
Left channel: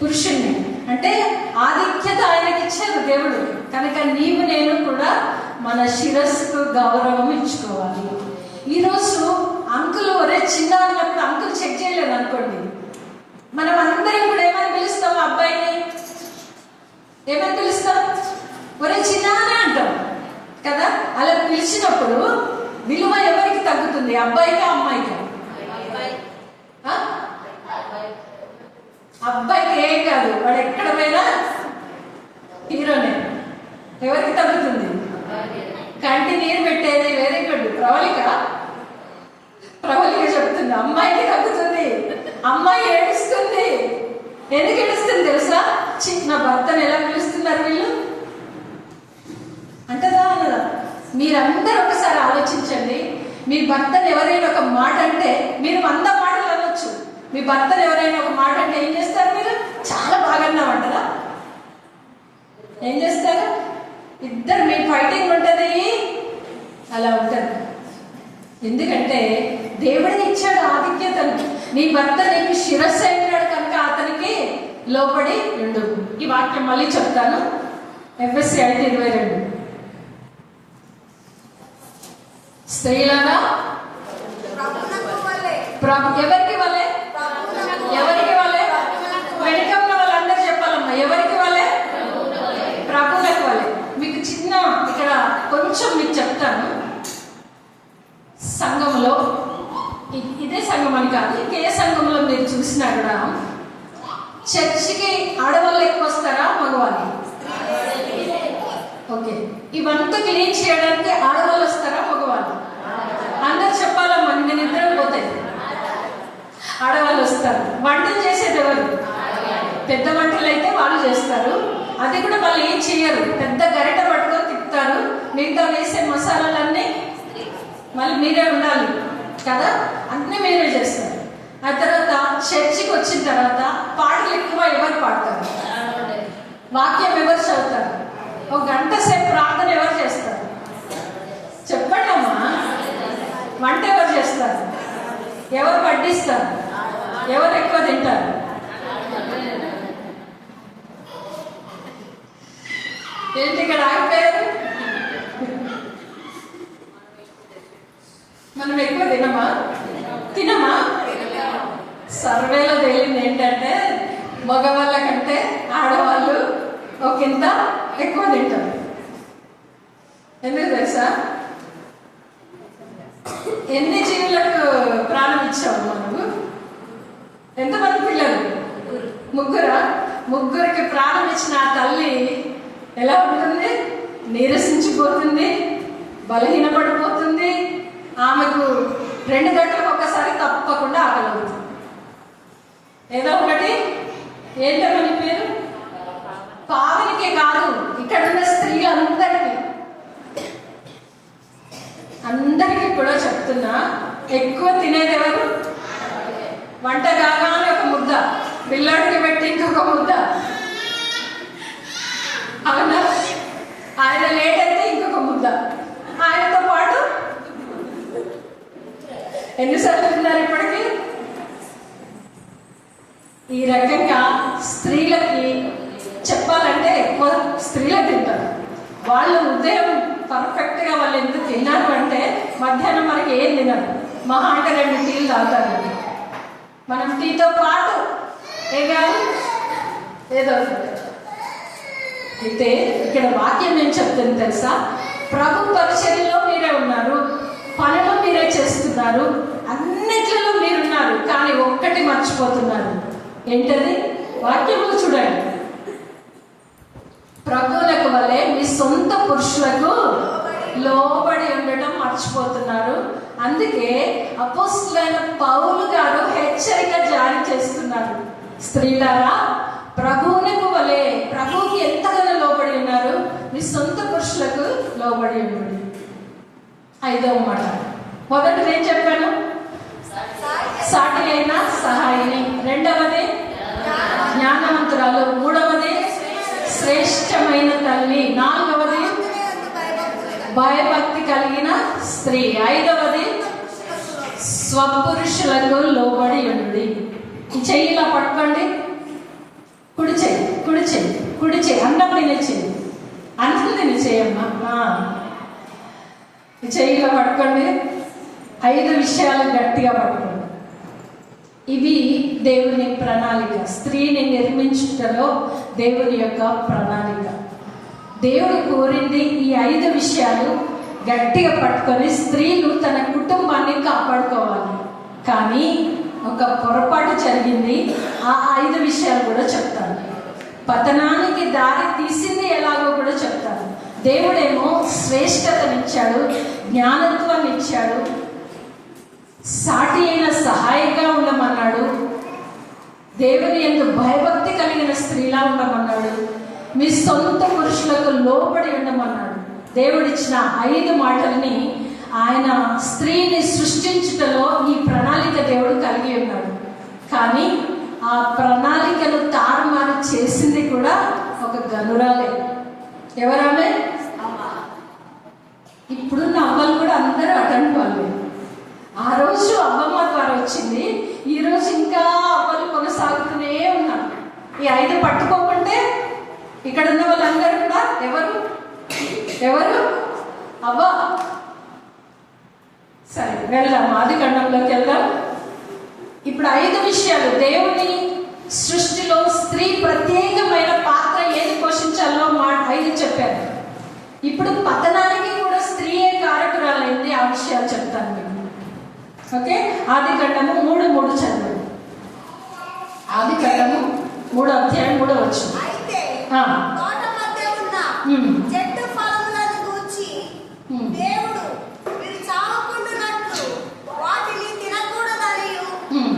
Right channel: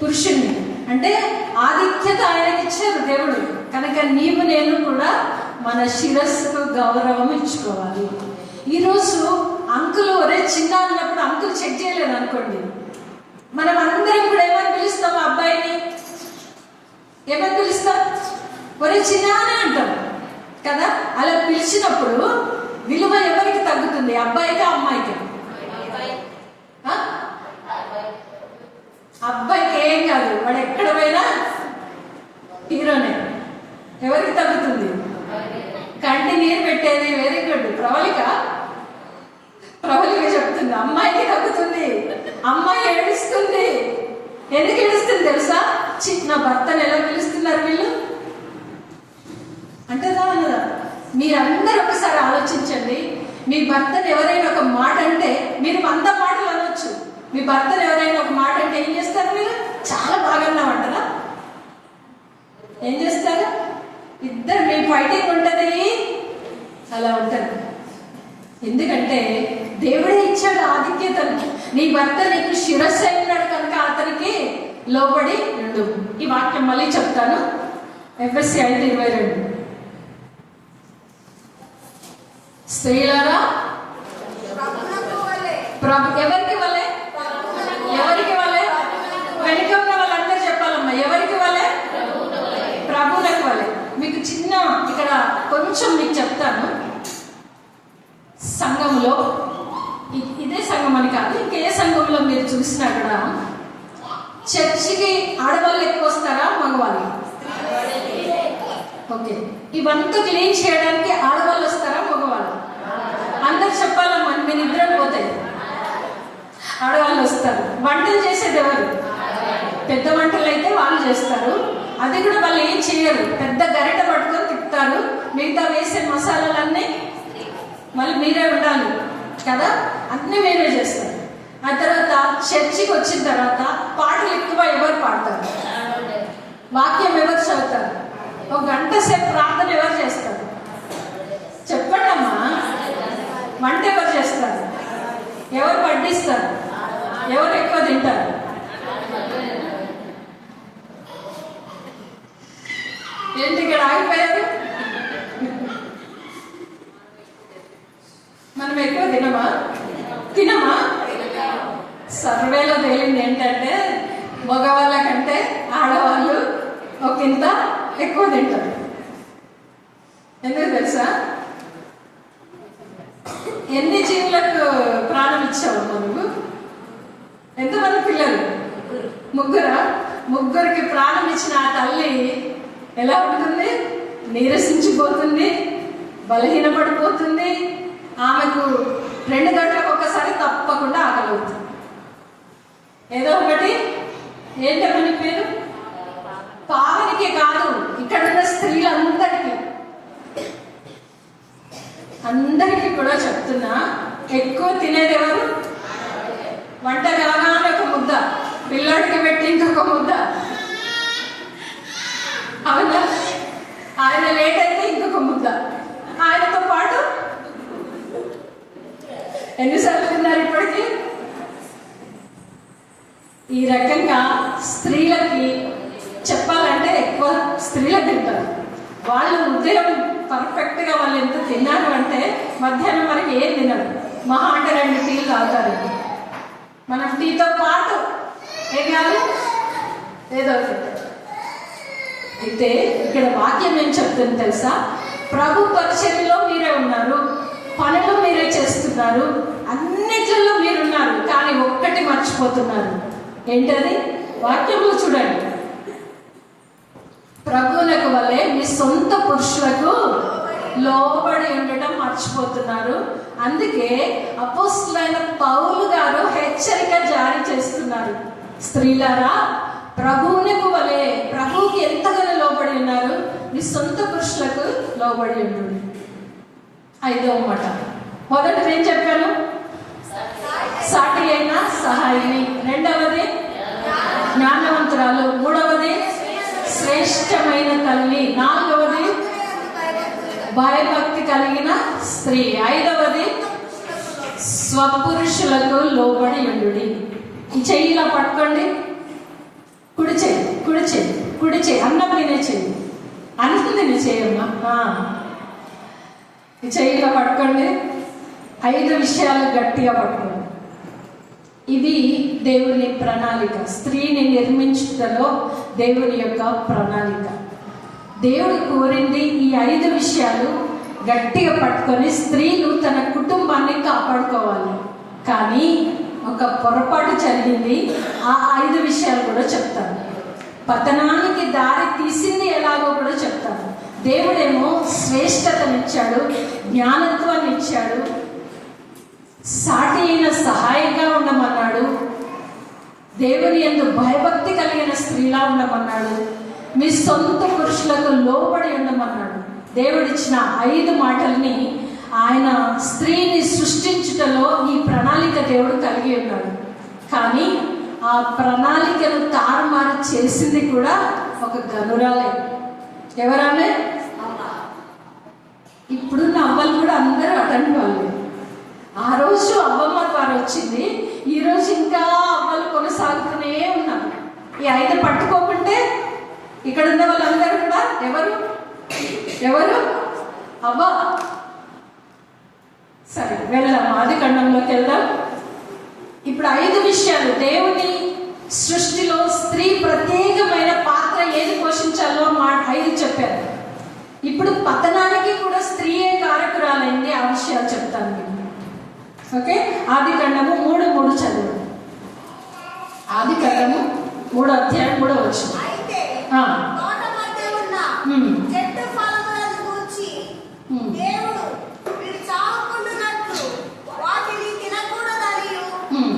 పురుషుణ్ణి. అంటే ఆధిక్యత ఆయనకి ఇచ్చారు దేవుడు. కనుక నీవు నేను కూడా మన శిరస్సుకు గౌరవం ఇచ్చుకోవాలి. ఈరోజు అంకులు ఒరే చిన్న అన్నప్పుడు అంకులు చెక్ చేయలేదు అనుకోండి, మనం అందరం కూడా ఏమని పిలుస్తాం? అబ్బాయిని ఏమని పిలుస్తాం? ఒరే చిన్న అని అంటాం కదా. అలా పిలిచినప్పుడు విలువ ఎవరికి తగ్గుతుంది? అబ్బాయికా అమ్మాయికా? అబ్బాయికి ఏం కాదు, వాడు ఎక్కడ పోయినా హీరోనే. ఎవరికి తగ్గుతుంది? కంటి నీరు పెట్టేది. Very good. ప్రవళిక చెప్తుంది అమ్మాయికి తగ్గుతుంది. అమ్మాయి ఏడుస్తుంది. ఎందుకు ఏడుస్తుంది తెలుసా? చిన్న భర్తను ఎలా పిలుస్తున్నారు వీళ్ళు అంటదా? మీరందరూ ఒకసారి ఆలోచించండి. మీ భర్తను ఎవరైనా ఒక మాట అంటే మీరు 100 మాటలు అనొచ్చు. మీ భర్తను ఎవరైనా ఒక మాట అంటే ఏం చేస్తారు? మీరు చాలా బాగా అన్నామంటారా? ఏం చేస్తారు? ఇద్దరు మీ ఫైటింగ్ ఉంటది, అలా ఉంటది. ఎందుకంటే దేవుడే ఇచ్చాడు ఆధిక్యతను. నీ భర్త నీకు శిరస్సు అయినాడు కనుక అతనికి లోబడి ఉండు. ఈ వాక్యం మళ్ళీ చెప్తాను. ఎఫ్ఎస్సి 5:22. స్త్రీలారా ఎవరికి వలే? ఎవరికి వలే? వెనుక ఉన్న వాళ్ళందరూ చెప్పాలమ్మా. ఎవరికి వలే? ప్రభువులకు వలే. మీకు చిన్న ఇక్కడ కొంచెం మీకు చెప్తాను. సంఘంలో, ఇదే సంఘం అని కాదు, ఇంకే సంఘంలో మీరు చూసినా కూడా చర్చికి ఆడవాళ్ళు ఎక్కువ వస్తారా మగవాళ్ళు? ఓకే. ఇవంతా క్లీన్ చేయడానికి ఆడవాళ్ళు వస్తారా మగవాళ్ళు? అందరు చెప్పాలమ్మా, నేను ఇద్దరం పోతాయి. ఆడవాళ్ళు వస్తారు. వంటలు చేసేది ఎవరు? పెద్ద వంటలు అయితే వాళ్ళు చేస్తారు. అది కూడా వాళ్ళు ఏం చేయరు, పెద్ద గరిట పట్టుకొని తిప్పుతారు. మిగతా వేసే మసాలాలన్నీ మళ్ళీ మీరే ఉండాలి కదా, అన్నీ మీరే చేస్తారు. ఆ తర్వాత చర్చికి వచ్చిన తర్వాత పాటలు ఎక్కువ ఎవరు పాడతారు? వాక్యం ఎవరు చదువుతారు? ఒక గంట సేపు ప్రార్థన ఎవరు చేస్తారు? చెప్పండి అమ్మా. వంట ఎవరు చేస్తారు? ఎవరు వడ్డిస్తారు? ఎవరు ఎక్కువ తింటారు? ఏంటి ఇక్కడ ఆగిపోయారు? మనం ఎక్కువ తినమా? సర్వేలో తేలింది ఏంటంటే మగవాళ్ళ కంటే ఆడవాళ్ళు ఒకంత ఎక్కువ తింటారు. ఎందుకు తెలుసా? ఎన్ని జీవులకు ప్రాణం ఇచ్చావు మనము? ఎంతమంది పిల్లలు? ముగ్గురికి ప్రాణం ఇచ్చిన ఆ తల్లి ఎలా ఉంటుంది? నీరసించిపోతుంది, బలహీనపడిపోతుంది. ఆమెకు 2 గంటలకు ఒకసారి తప్పకుండా ఆకలి అవుతుంది. ఏదో ఒకటి. ఏంటమ్మా నీ పేరు? పావనికే కాదు, ఇక్కడ ఉన్న స్త్రీలందరికీ కూడా చెప్తున్నా, ఎక్కువ తినేది ఎవరు? వంట కాగానే ఒక ముద్ద, పిల్లాడికి పెట్టి ఇంకొక ముద్ద, అవునా? ఆయన లేట్ అయితే ఇంకొక ముద్ద, ఆయనతో పాటు ఎన్నిసార్లు తిన్నారు ఇప్పటికీ? ఈ రకంగా స్త్రీలకి చెప్పాలంటే ఎక్కువ స్త్రీలకు తింటారు. వాళ్ళు ఉదయం పర్ఫెక్ట్ గా వాళ్ళు ఎంత తిన్నారు అంటే మధ్యాహ్నం మనకి ఏం తినరు. మహా అంటే 2 టీలు తాగుతారు. మనం టీతో పాటు ఏం కావాలి? ఏదో ఒకటి. అయితే ఇక్కడ వాక్యం ఏం చెప్తుంది తెలుసా? ప్రభు పరిచర్యలో మీరే ఉన్నారు, పనులు మీరే చేస్తున్నారు, అన్నిట్లలో మీరున్నారు, కానీ ఒక్కటి మర్చిపోతున్నారు. ఏంటది? వాక్యంలో చూడండి. ప్రభువులకు వలె మీ సొంత పురుషులకు లోబడి ఉండటం మర్చిపోతున్నారు. అందుకే అపోస్తలుడైన పౌలు గారు హెచ్చరిక జారీ చేస్తున్నారు. స్త్రీలారా, ప్రభువునికి వలె, ప్రభువుకి ఎంతగానో లోబడి ఉన్నారు, మీ సొంత పురుషులకు లోబడి ఉండండి. 5వ మాట. మొదటిది ఏం చెప్పాను? సాటి అయిన సహాయిని. 2వది జ్ఞానవంతురాలు. 3వది శ్రేష్టమైన తల్లి. 4వది భయభక్తి కలిగిన స్త్రీ. 5వది స్వపురుషులకు లోబడి ఉండు. ఈ చెయ్యి ఇలా పట్టుకోండి. కుడి చెయ్యి, కుడి చెయ్యి, కుడి చెయ్యి. అన్నం తినే చెయ్యి, అన్నం తినే చెయ్యమ్మా. ఈ చెయ్యిలో పట్టుకోండి. 5 విషయాలు గట్టిగా పట్టుకోండి. ఇవి దేవుని ప్రణాళిక. స్త్రీని నిర్మించుటలో దేవుని యొక్క ప్రణాళిక. దేవుడు కోరింది ఈ 5 విషయాలు గట్టిగా పట్టుకొని స్త్రీలు తన కుటుంబాన్ని కాపాడుకోవాలి. కానీ ఒక పొరపాటు జరిగింది. ఆ 5 విషయాలు కూడా చెప్తాను. పతనానికి దారి తీసింది ఎలాగో కూడా చెప్తాను. దేవుడేమో శ్రేష్టతనిచ్చాడు, జ్ఞానత్వాన్ని ఇచ్చాడు, సాటి అయిన సహాయంగా ఉండమన్నాడు, దేవుని యందు భయభక్తి కలిగిన స్త్రీలా ఉండమన్నాడు, మీ సొంత పురుషులకు లోబడి ఉండమన్నాడు. దేవుడిచ్చిన 5 మాటల్ని ఆయన స్త్రీని సృష్టించుటలో ఈ ప్రణాళిక దేవుడు కలిగి ఉన్నాడు. కానీ ఆ ప్రణాళికను తారుమారు చేసింది కూడా ఒక గనురాలే. ఎవరామే? ఇప్పుడు అవ్వలు కూడా అందరూ అటెండ్ వాళ్ళు. ఆ రోజు అవ్వమ్మ ద్వారా వచ్చింది, ఈ రోజు ఇంకా అవ్వలు కొనసాగుతూనే ఉన్నారు. ఈ 5 పట్టుకోకుంటే ఇక్కడ ఉన్న వాళ్ళందరూ కూడా ఎవరు అవ్వ. సరే, వెళ్దాం, ఆదికాండంలోకి వెళ్దాం. ఇప్పుడు 5 విషయాలు. దేవుని సృష్టిలో స్త్రీ ప్రత్యేకమైన పాత్ర ఏది పోషించాలో 5 చెప్పారు. ఇప్పుడు పతనానికి కూడా స్త్రీయే కారకురాలైంది. ఆ విషయాలు చెప్తాను మీకు. ఓకే, ఆదికాండము 3:3 చదువు. ఆదికాండము 3వ అధ్యాయం 3వ వచనం. అయితే తోట మధ్య ఉన్న చెట్టు ఫలములను గూర్చి దేవుడు వీరు చావకుండునట్లు వాటిని తినకూడదనియు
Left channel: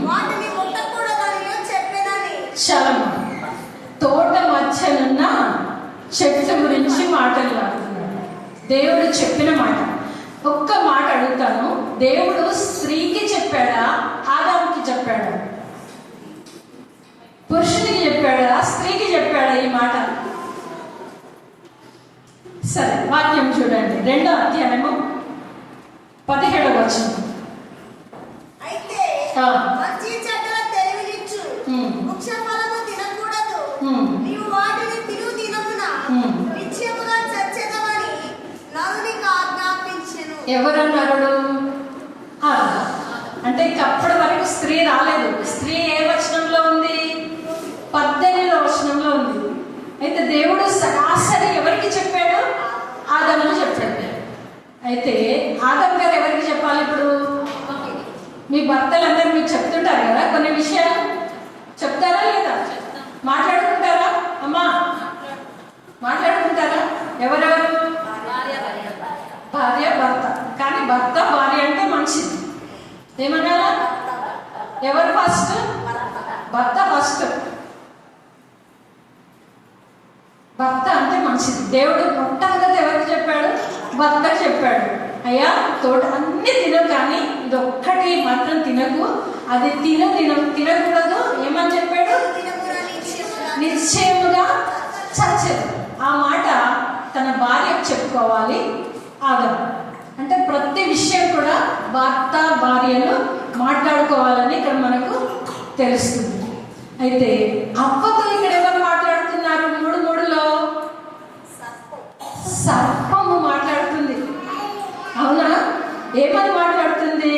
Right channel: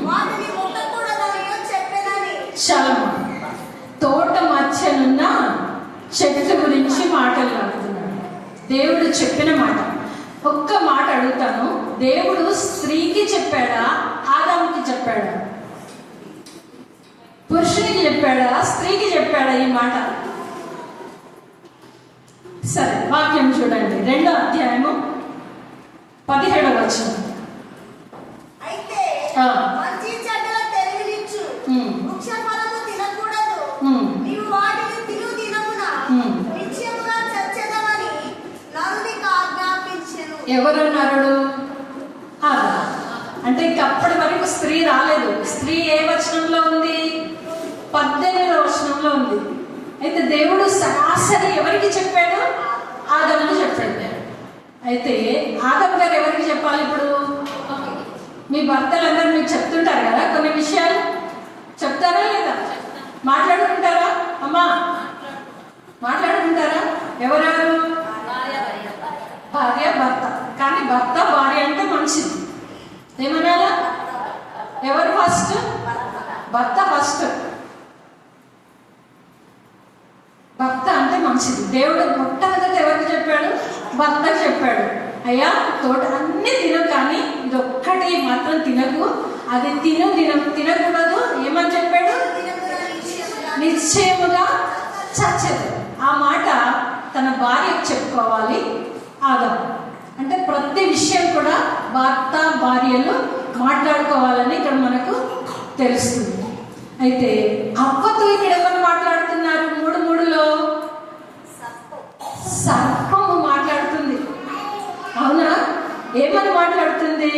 వాటిని ముట్టకూడదనియు చెప్పెనని. చలం. తోట మధ్యనున్న చెట్టు గురించి మాట్లాడుతున్నాడు. దేవుడు చెప్పిన మాట. ఒక్క మాట అడుగుతాను, దేవుడు స్త్రీకి చెప్పాడా, ఆదాముకి చెప్పాడా? పురుషునికి చెప్పాడా, స్త్రీకి చెప్పాడా ఈ మాట? సరే, వాక్యం చూడండి. 2వ అధ్యాయము 17వ వచనం. అయితే మంచి చెడ్డల తెలివినిచ్చు వృక్ష ఫలము తినకూడదు, నీవు వాటిని తిను దినమున నిశ్చయముగా చచ్చెదవని నరునికి ఆజ్ఞాపించెను. ఎవరు నరుడు? అంటే ఇంకప్పటి వరకు స్త్రీ రాలేదు. స్త్రీ ఏ వచనంలో ఉంది? 18వ వచనంలో ఉంది. అయితే దేవుడు సరాసరి ఎవరికి చెప్పాడు? ఆదాముకు చెప్పాడు. అయితే ఆదాము గారు ఎవరికి చెప్పాలి? ఇప్పుడు మీ భర్తలందరూ మీకు చెప్తుంటారు కదా కొన్ని విషయాలు. చెప్తారా లేదా? మాట్లాడుకుంటారా? అమ్మా మాట్లాడుకుంటారా? ఎవరెవరు? భార్య భర్త. కానీ భర్త భార్య అంటే మంచిది. ఏమనాలా? ఎవరు ఫస్ట్? భర్త ఫస్ట్. భర్త అంటే మంచిది. దేవుడు మొట్టమొదటి ఎవరికి చెప్పాడు? భర్త చెప్పాడు, అయ్యా తోట అన్ని తిను, కానీ ఇది ఒక్కటి మాత్రం తినకు, అది తినకూడదు. ఏమని చెప్పాడు? నిశ్చయముగా చచ్చేది. ఆ మాట తన భార్యకు చెప్పుకోవాలి ఆదాము. అంటే ప్రతి విషయం కూడా భర్త భార్యలు మాట్లాడుకోవాలని ఇక్కడ మనకు తెలుస్తుంది. అయితే అవ్వతో ఇక్కడ ఎవరు మాట్లాడుతున్నారు? 3:3లో సర్పము మాట్లాడుతుంది. అవునా? ఏమని మాట్లాడుతుంది?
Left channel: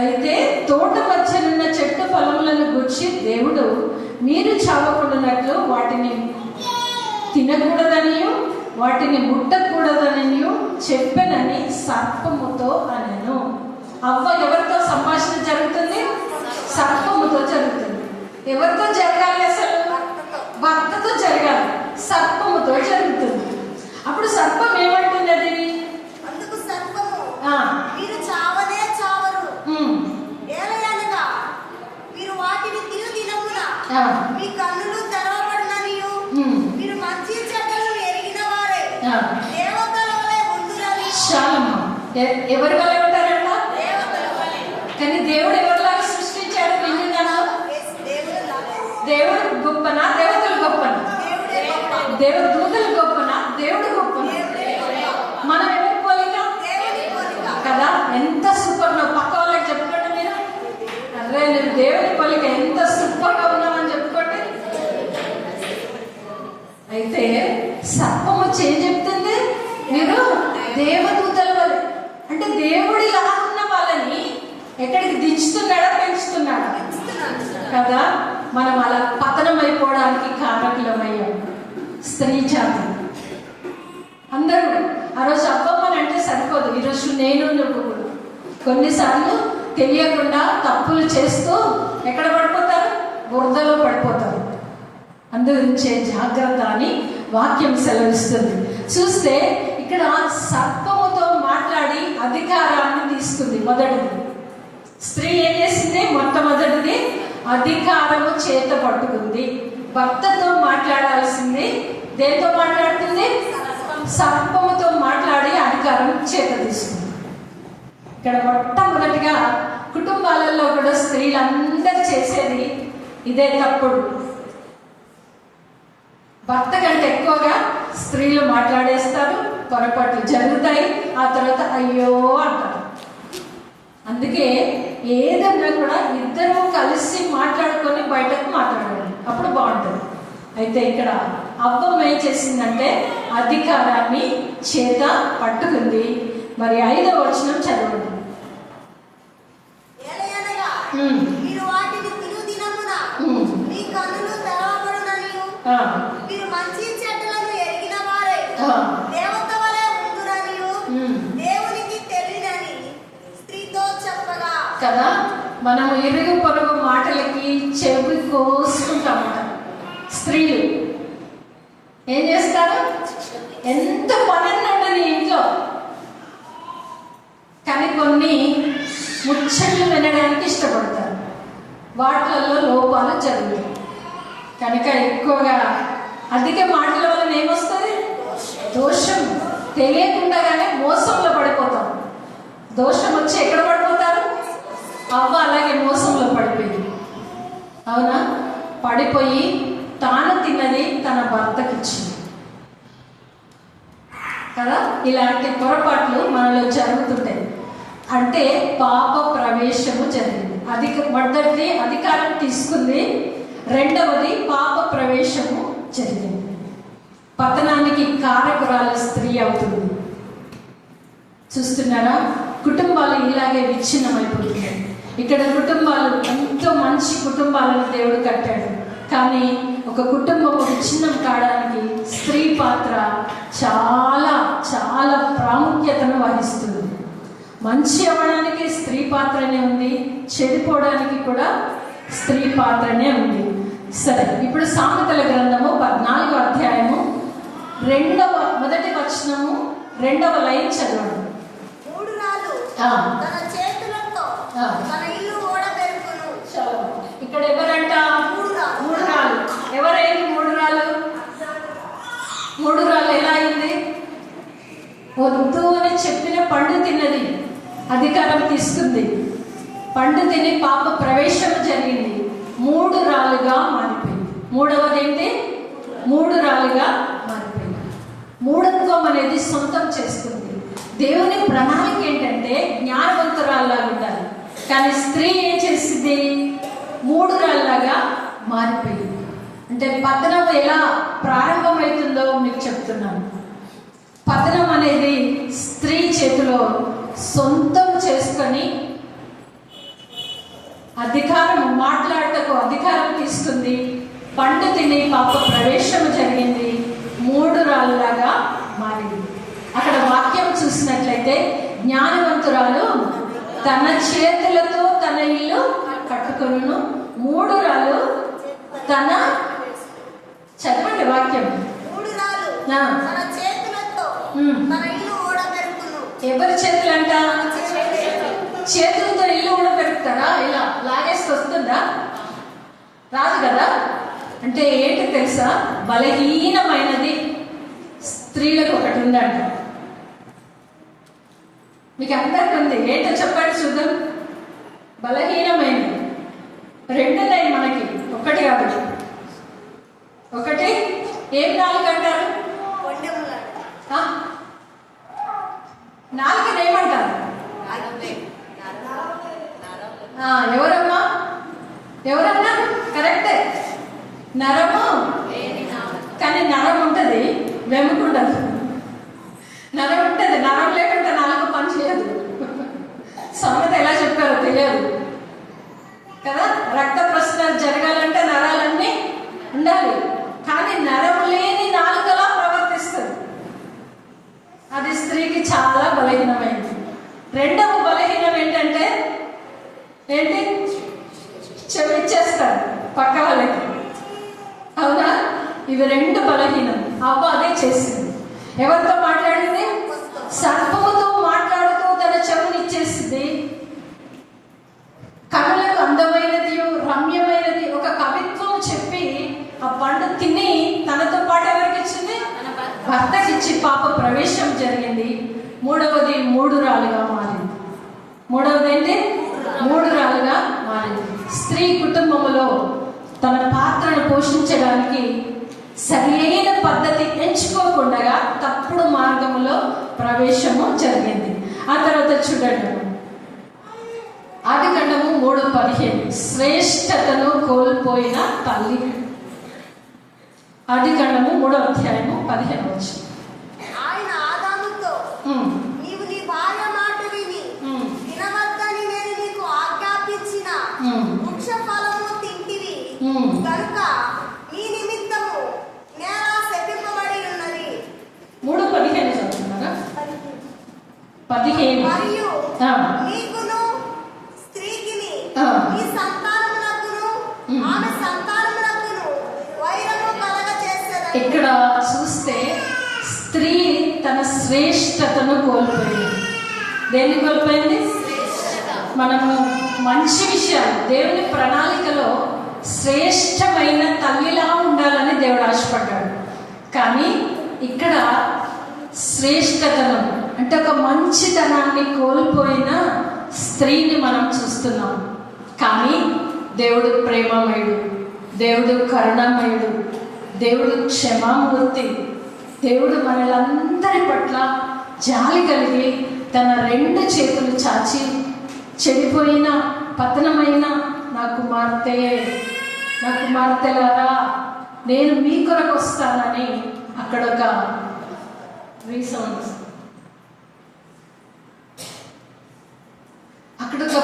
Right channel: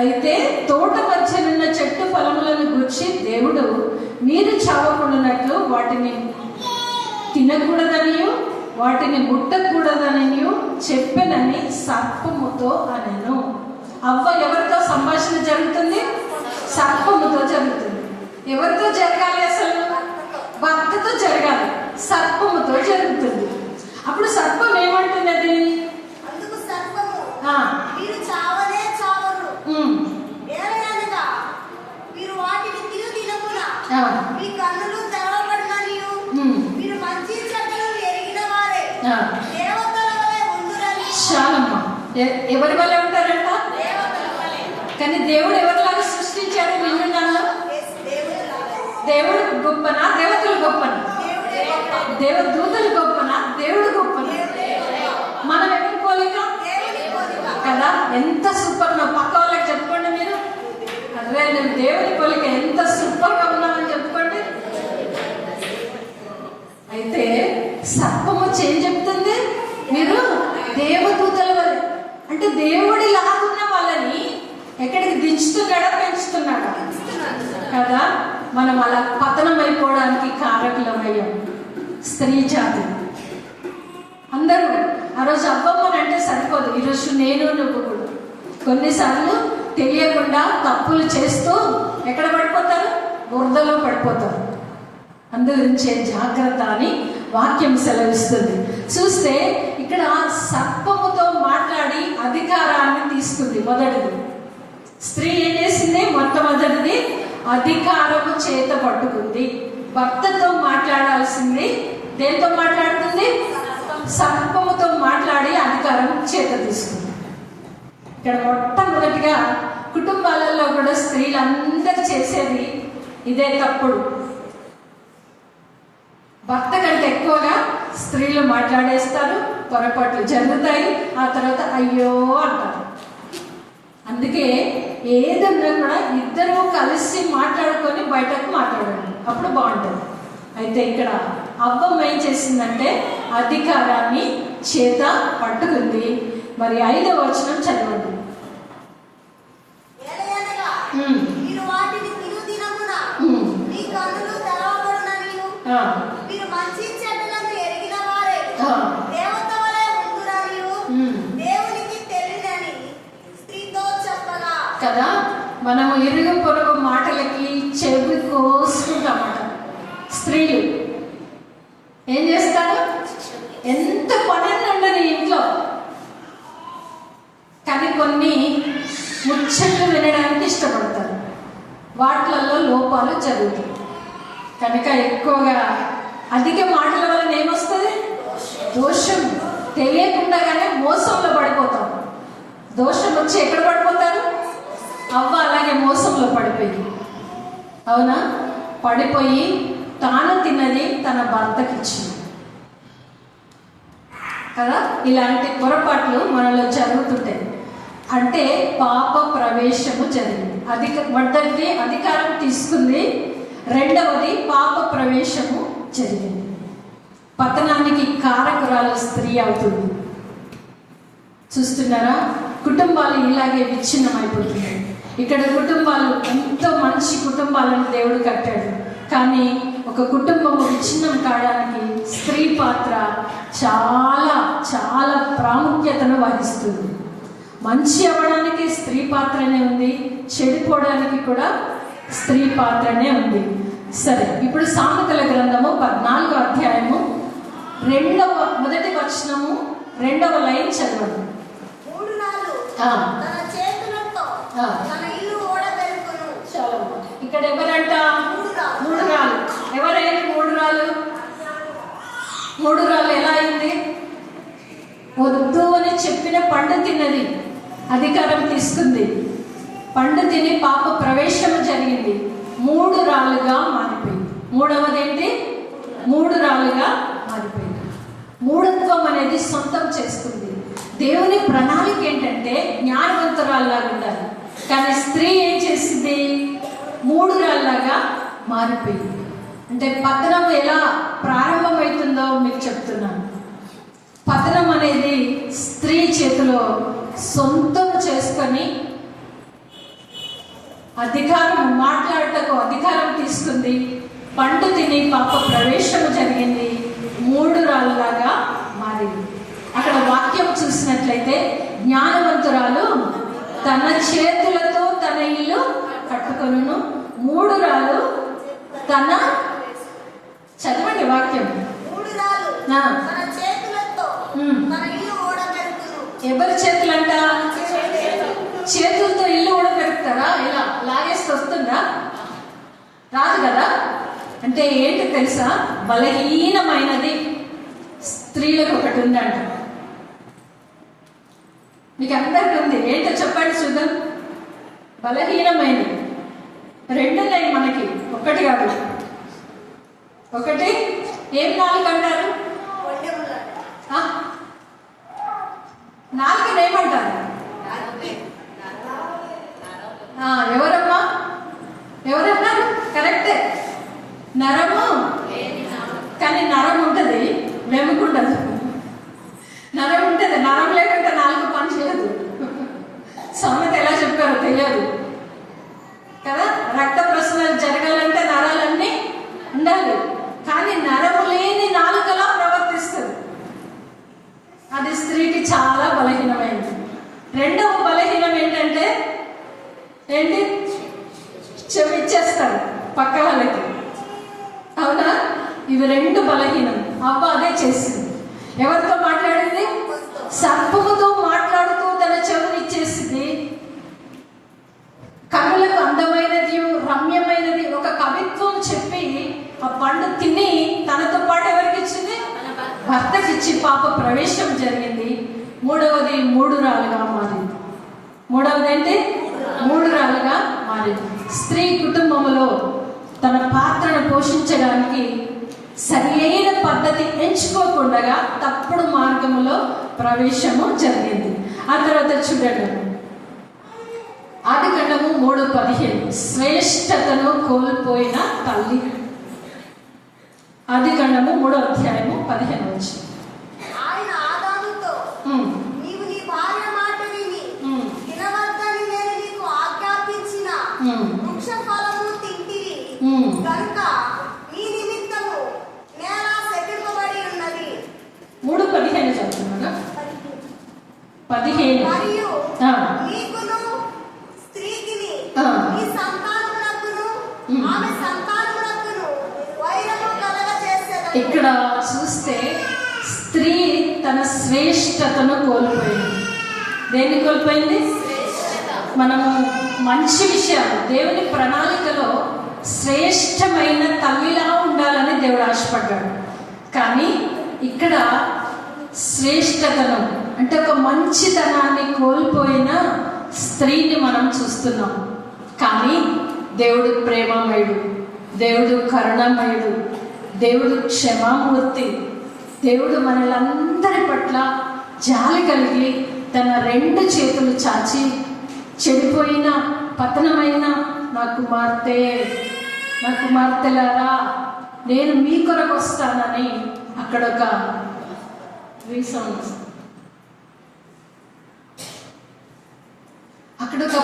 అయితే తోట మధ్యనున్న చెట్టు ఫలములను గుర్చి దేవుడు మీరు చావకుండానట్లు వాటిని తినకూడదనియు వాటిని ముట్టకూడదనియు చెప్పనని సర్పముతో అనెను. అవ్వ ఎవరితో సంభాషణ జరుగుతుంది? సర్పముతో జరుగుతుంది. ఎవరితో జరగాలి? అసలు భర్తతో జరగాలి. సర్పముతో జరుగుతుంది. అప్పుడు సర్పం ఏమంటున్నది? అందుకు సర్పము ఆ, మీరు చావనే చావరు. ఏలయనగా మీరు వాటిని తినకున ఆ, మీ కన్నులు తెరవబడిననియు మీరు మంచి చెడ్డలను ఎరిగిన వారే ఆ. దేవతల వలె ఉండురని. చాలమ్మా. ఎవరి వల్ల ఉంటారంట? దేవతల వలె. కానీ దేవుడు ఎవరిలాగా సృష్టించాడు? విన్నాను. దేవుడు లాగా. దేవుడు గొప్పనా? దేవతలు గొప్పనా? దేవుడే గొప్ప. దేవుడు దూతలు గొప్పనా? దేవుడు గొప్పనా? మనం ఎవరి పోలిక దేవుని పోలిక. కదా? ఎంత సూపర్! నా పక్క వాళ్ళకి చెప్పుకోండి మీరు. అరే నేను దేవుని పోలిక ఎంత సూపర్ గా ఉన్నానని చెప్పుకోండి. అయితే సర్పము ఏం చెప్తుంది? మీరు దేవదూతల వల్ల, అంటే దేవుడి లాగున్న వాళ్ళని ఎక్కడికి దించుతున్నాడా? పెంచుతున్నాడా? కదా? మనం అలా పతనం అయిపోవడానికి కారకులమయ్యాం. స్త్రీ జాతి అందరూ ఆ రోజు అబ్బమ్మని అంటే సరిపోదు. ఈరోజు నేను నువ్వు కొన్నిసార్లు తెలియకుండా తప్పులు చేస్తూ ఎక్కడ పడిపోతారు? బురదలో పడిపోతారు. అందుగురించే జాగ్రత్త అని వాక్యం సెలవిస్తుంది. చూస్తే ఇక్కడ సర్పముతో మాట్లాడి అధికారాన్ని తీసుకుంది. మొదటిది స్త్రీ ఏం చేసింది? మొట్టమొదటిది అధికారము చేత పట్టుకుంది. భర్తతో మాట్లాడాల్సింది దేంతో మాట్లాడుతుంది? సర్పముతో మాట్లాడి అధికారం చేత తీసుకుంది. ఇక్కడ మొట్టమొదటిగా కుటుంబాలలో కూడా స్త్రీలందరూ చేసేది ఇదే తప్పుడు. భర్త కంటే ఎక్కువగా స్త్రీలు మాట్లాడేస్తారు, పొరపాట్లు జరుగుతాయి, ఆ తర్వాత అయ్యో అంటారు. అందుకే ఏదన్నా కూడా ఇద్దరు కలిసి మాట్లాడుకొని బయటకు మాట్లాడాలి, అప్పుడు బాగుంటుంది. అయితే ఇక్కడ అవ్వం ఏం చేసిందంటే అధికారాన్ని చేత పట్టుకుంది. మరి 5వ వచనం చదవండి. ఏలయనగా మీరు వాటిని తినుదినమున మీ కన్నులు తెరవబడుననియు మీరు మంచి చెడ్డలను ఎరిగిన వారే దేవత వలె ఉండుననియు దేవునికి తెలియనని స్త్రీతో చెప్పగా. కదా, మనము ఇరుగు పొరుగు మాటలకి చెవి కోసుకుంటామట. స్త్రీలు ఏం చేస్తారు? ఎంత పని ఉండదు ఇంట్లో, కానీ కొన్ని ముచ్చట్లు వినడానికి ఇష్టపడతారు. వాటిలలో లోపాలు జరుగుతాయి. కనుక ఎక్కువగా అధిక మాటల వలన ఏమొస్తుంది? దోషం. తెలియకుండానే మోసంలో పడిపోతాం. దోషం వచ్చి ఎక్కడ పడిపోతారు? అవ్వ అలాగే మోసంలో పడిపోయింది. అవునా? పడిపోయి తాను తిన్నది తన భర్తకి ఇచ్చింది కదా. ఇలాంటి పొరపాట్లు మనలో జరుగుతుంటాయి. అంటే పాప ప్రవేశము జరిగింది. మొదటిది అధికారం తీసుకుంది, రెండవది పాప ప్రవేశము జరిగింది. పతనానికి కారకురాలు స్త్రీ అవుతుంది. చూస్తున్నారా? కుటుంబాలు ఇలాగే విచ్ఛిన్నమైపోతున్నాయి. ఇక్కడ కుటుంబాలు ఎంతో మంచి కుటుంబాలను దేవుడు కట్టాడు, కానీ ఒక కుటుంబం విచ్ఛిన్నం కావడానికి స్త్రీ పాత్ర చాలా చాలా ప్రాముఖ్యతను వహిస్తుంది. మంచి అవ్వడానికి స్త్రీ పాత్రనే ఉంది, చెడిపోవడానికి కూడా స్త్రీ పాత్రనే ఉంది. సరే, ఇప్పుడు సామెతల గ్రంథము 14వ అధ్యాయము మొదటి వచనము 2వ లైన్ చదవండి. 3 రాళ్ళు తన చేతులతో తన ఇల్లు ఓడబెరుకును. చాలా ఇక్కడ ఎవరంట? 3 రాళ్ళు. ఎవరైంది 3 రాళ్ళు? 3 రాళ్ళు ఎలా అయింది? వద్దు అని చెప్పిన పండు తిన్నది, అధికారం తీసుకుంది, పండు తిని పాప ప్రవేశం జరిగింది, 3 రాళ్ళుగా మారిపోయింది. మూడవది ఏంటి? 3 రాళ్ళుగా మారిపోయింది. మూఢత్వం అనేది సొంతం చేసుకుంది. దేవుని ప్రణాళిక ఏంటంటే జ్ఞానవంతురాల్లాగా ఉండాలి, కానీ స్త్రీ ఏం చేసింది? 3 రాళ్ళలాగా మారిపోయింది. అంటే పతనం ఎలా ప్రారంభమవుతుందో మీకు చెప్తున్నాను. పతనం అనేది స్త్రీ చేతిలో సొంతం చేసుకొని అధికారం మాట్లాడటకు అధికారం తీసుకుంది. పండు తిని పాప ప్రవేశం జరిగింది. 3 రాళ్ళలాగా మారింది. అక్కడ వాక్యం చూసినట్లయితే జ్ఞానవంతురాలు తన చేతులతో తన ఇల్లు కట్టుకొనును, 3 రాళ్ళు తన చదవండి వాక్యం. 3 రాళ్ళు తన చేతులతో తన ఇల్లు ఊడబెట్టును. ఎవరి చేతులంట? చేతులతో ఇల్లు ఊడబెడతారా? ఇలా లాగేసి వస్తుందా? రాదు కదా. అంటే ఏంటి తెలుసా? బలహీనమైనది స్త్రీలకు ఒకటి ఉందంట. మీకు అందరికి ఉంది. ఏంటో చెప్పండి చూద్దాం. బలహీనమైనది 2 ఉన్నాయి మనకి, ఒకటి కాదు. ఒకటి ఏం నాలుగు అంటారు? నాలుగు ఏమంటారు? ఎవరమ్మా? ఎవరన్నారు? కరెక్టే, నరము. కానీ నరం ఉంటుంది, వెముకుండదు. నరం ఉంటుంది, నరం లేకుండా 4 పని చేయదు. సామెత ఎలా చెప్పారో తెలియదు కదా. రక్త ప్రసరణ జరగాలంటే నరాలన్నీ ఉండాలి. కానీ నరం లేని నాలుకలా ప్రవర్తిస్తుంది. అది స్త్రీకి చాలా బలహీనమైంది. రెండవ బలహీనం ఏంటంటే ఏంటి? చెవిచ్చేస్తాడు పక్క వాళ్ళకి. అవునా? ఇవి 2 బలహీనం. అవ్వ అదే చేసింది. ఎవరితో మాట్లాడింది? సర్పముతో మాట్లాడుతూ తన చెవునిచ్చేసింది. కనులకు అందమైనది, రమ్యమైనది ఒక కవిత్వం చెప్పి ఆ పండు తిని తనతో పాటు ఎవరికి ఇచ్చింది? భర్తకిచ్చి పాప ప్రవేశం జరిగింది. 3వది 3 రాళ్ళుగా మారింది. 3వది ఏంటి? 3 రాళ్ళుగా మారింది. స్త్రీ కుటుంబంలో తన పాత్రను పోషించడానికి సరైన పద్ధతి ఎంచుకోకుండా తప్పుడు మార్గంలో ప్రవేశము జరిగింది. ఆ తర్వాత చూడండి, ఆదికాండము 3:15 శ్రేష్టతను కోల్పోయిన తల్లి. ఆదికాండము 3వ అధ్యాయము 15 వచ్చి ఆయన ఆదాముతో నీవు నీ భార్య మాట విని తినవద్దని నేను నీకు ఆజ్ఞాపించిన వృక్ష ఫలమును తింటివి కనుక నీ నిమిత్తము నేల శపింపబడి ఉన్నది. 3:15 చదువుతున్నారా? 15 మరియు నీకును స్త్రీకిని నీ సంతానమునకును ఆమె సంతానమునకును వైరము కలగజేసేదను. ఇక్కడ చూస్తే స్త్రీ తన శ్రేష్టతను కోల్పోయింది. దేన్ని కోల్పోయింది? మనము మంచి విషయాలు, దేవుని ప్రణాళికలో శ్రేష్టమైన తల్లిలా ఉండాలని దేవుడు ఆశపడ్డాడు. కానీ ఇక్కడ శ్రేష్టతను అంటే ఒక మంచితనాన్ని కోల్పోయిన స్త్రీని మనం చూస్తున్నాం. కానీ దేవుడు ప్రేమమయుడు, దేవుడు కరుణామయుడు, దేవుడు క్షమామూర్తి. దేవుడు మనలందరి పట్ల జాలి కలిగి తన 2 చేతులు చాచి చెడిపోయిన పతనమైన నా కుమార్తెలారా నేను మీ కొరకు వస్తానని అక్కడ ఒక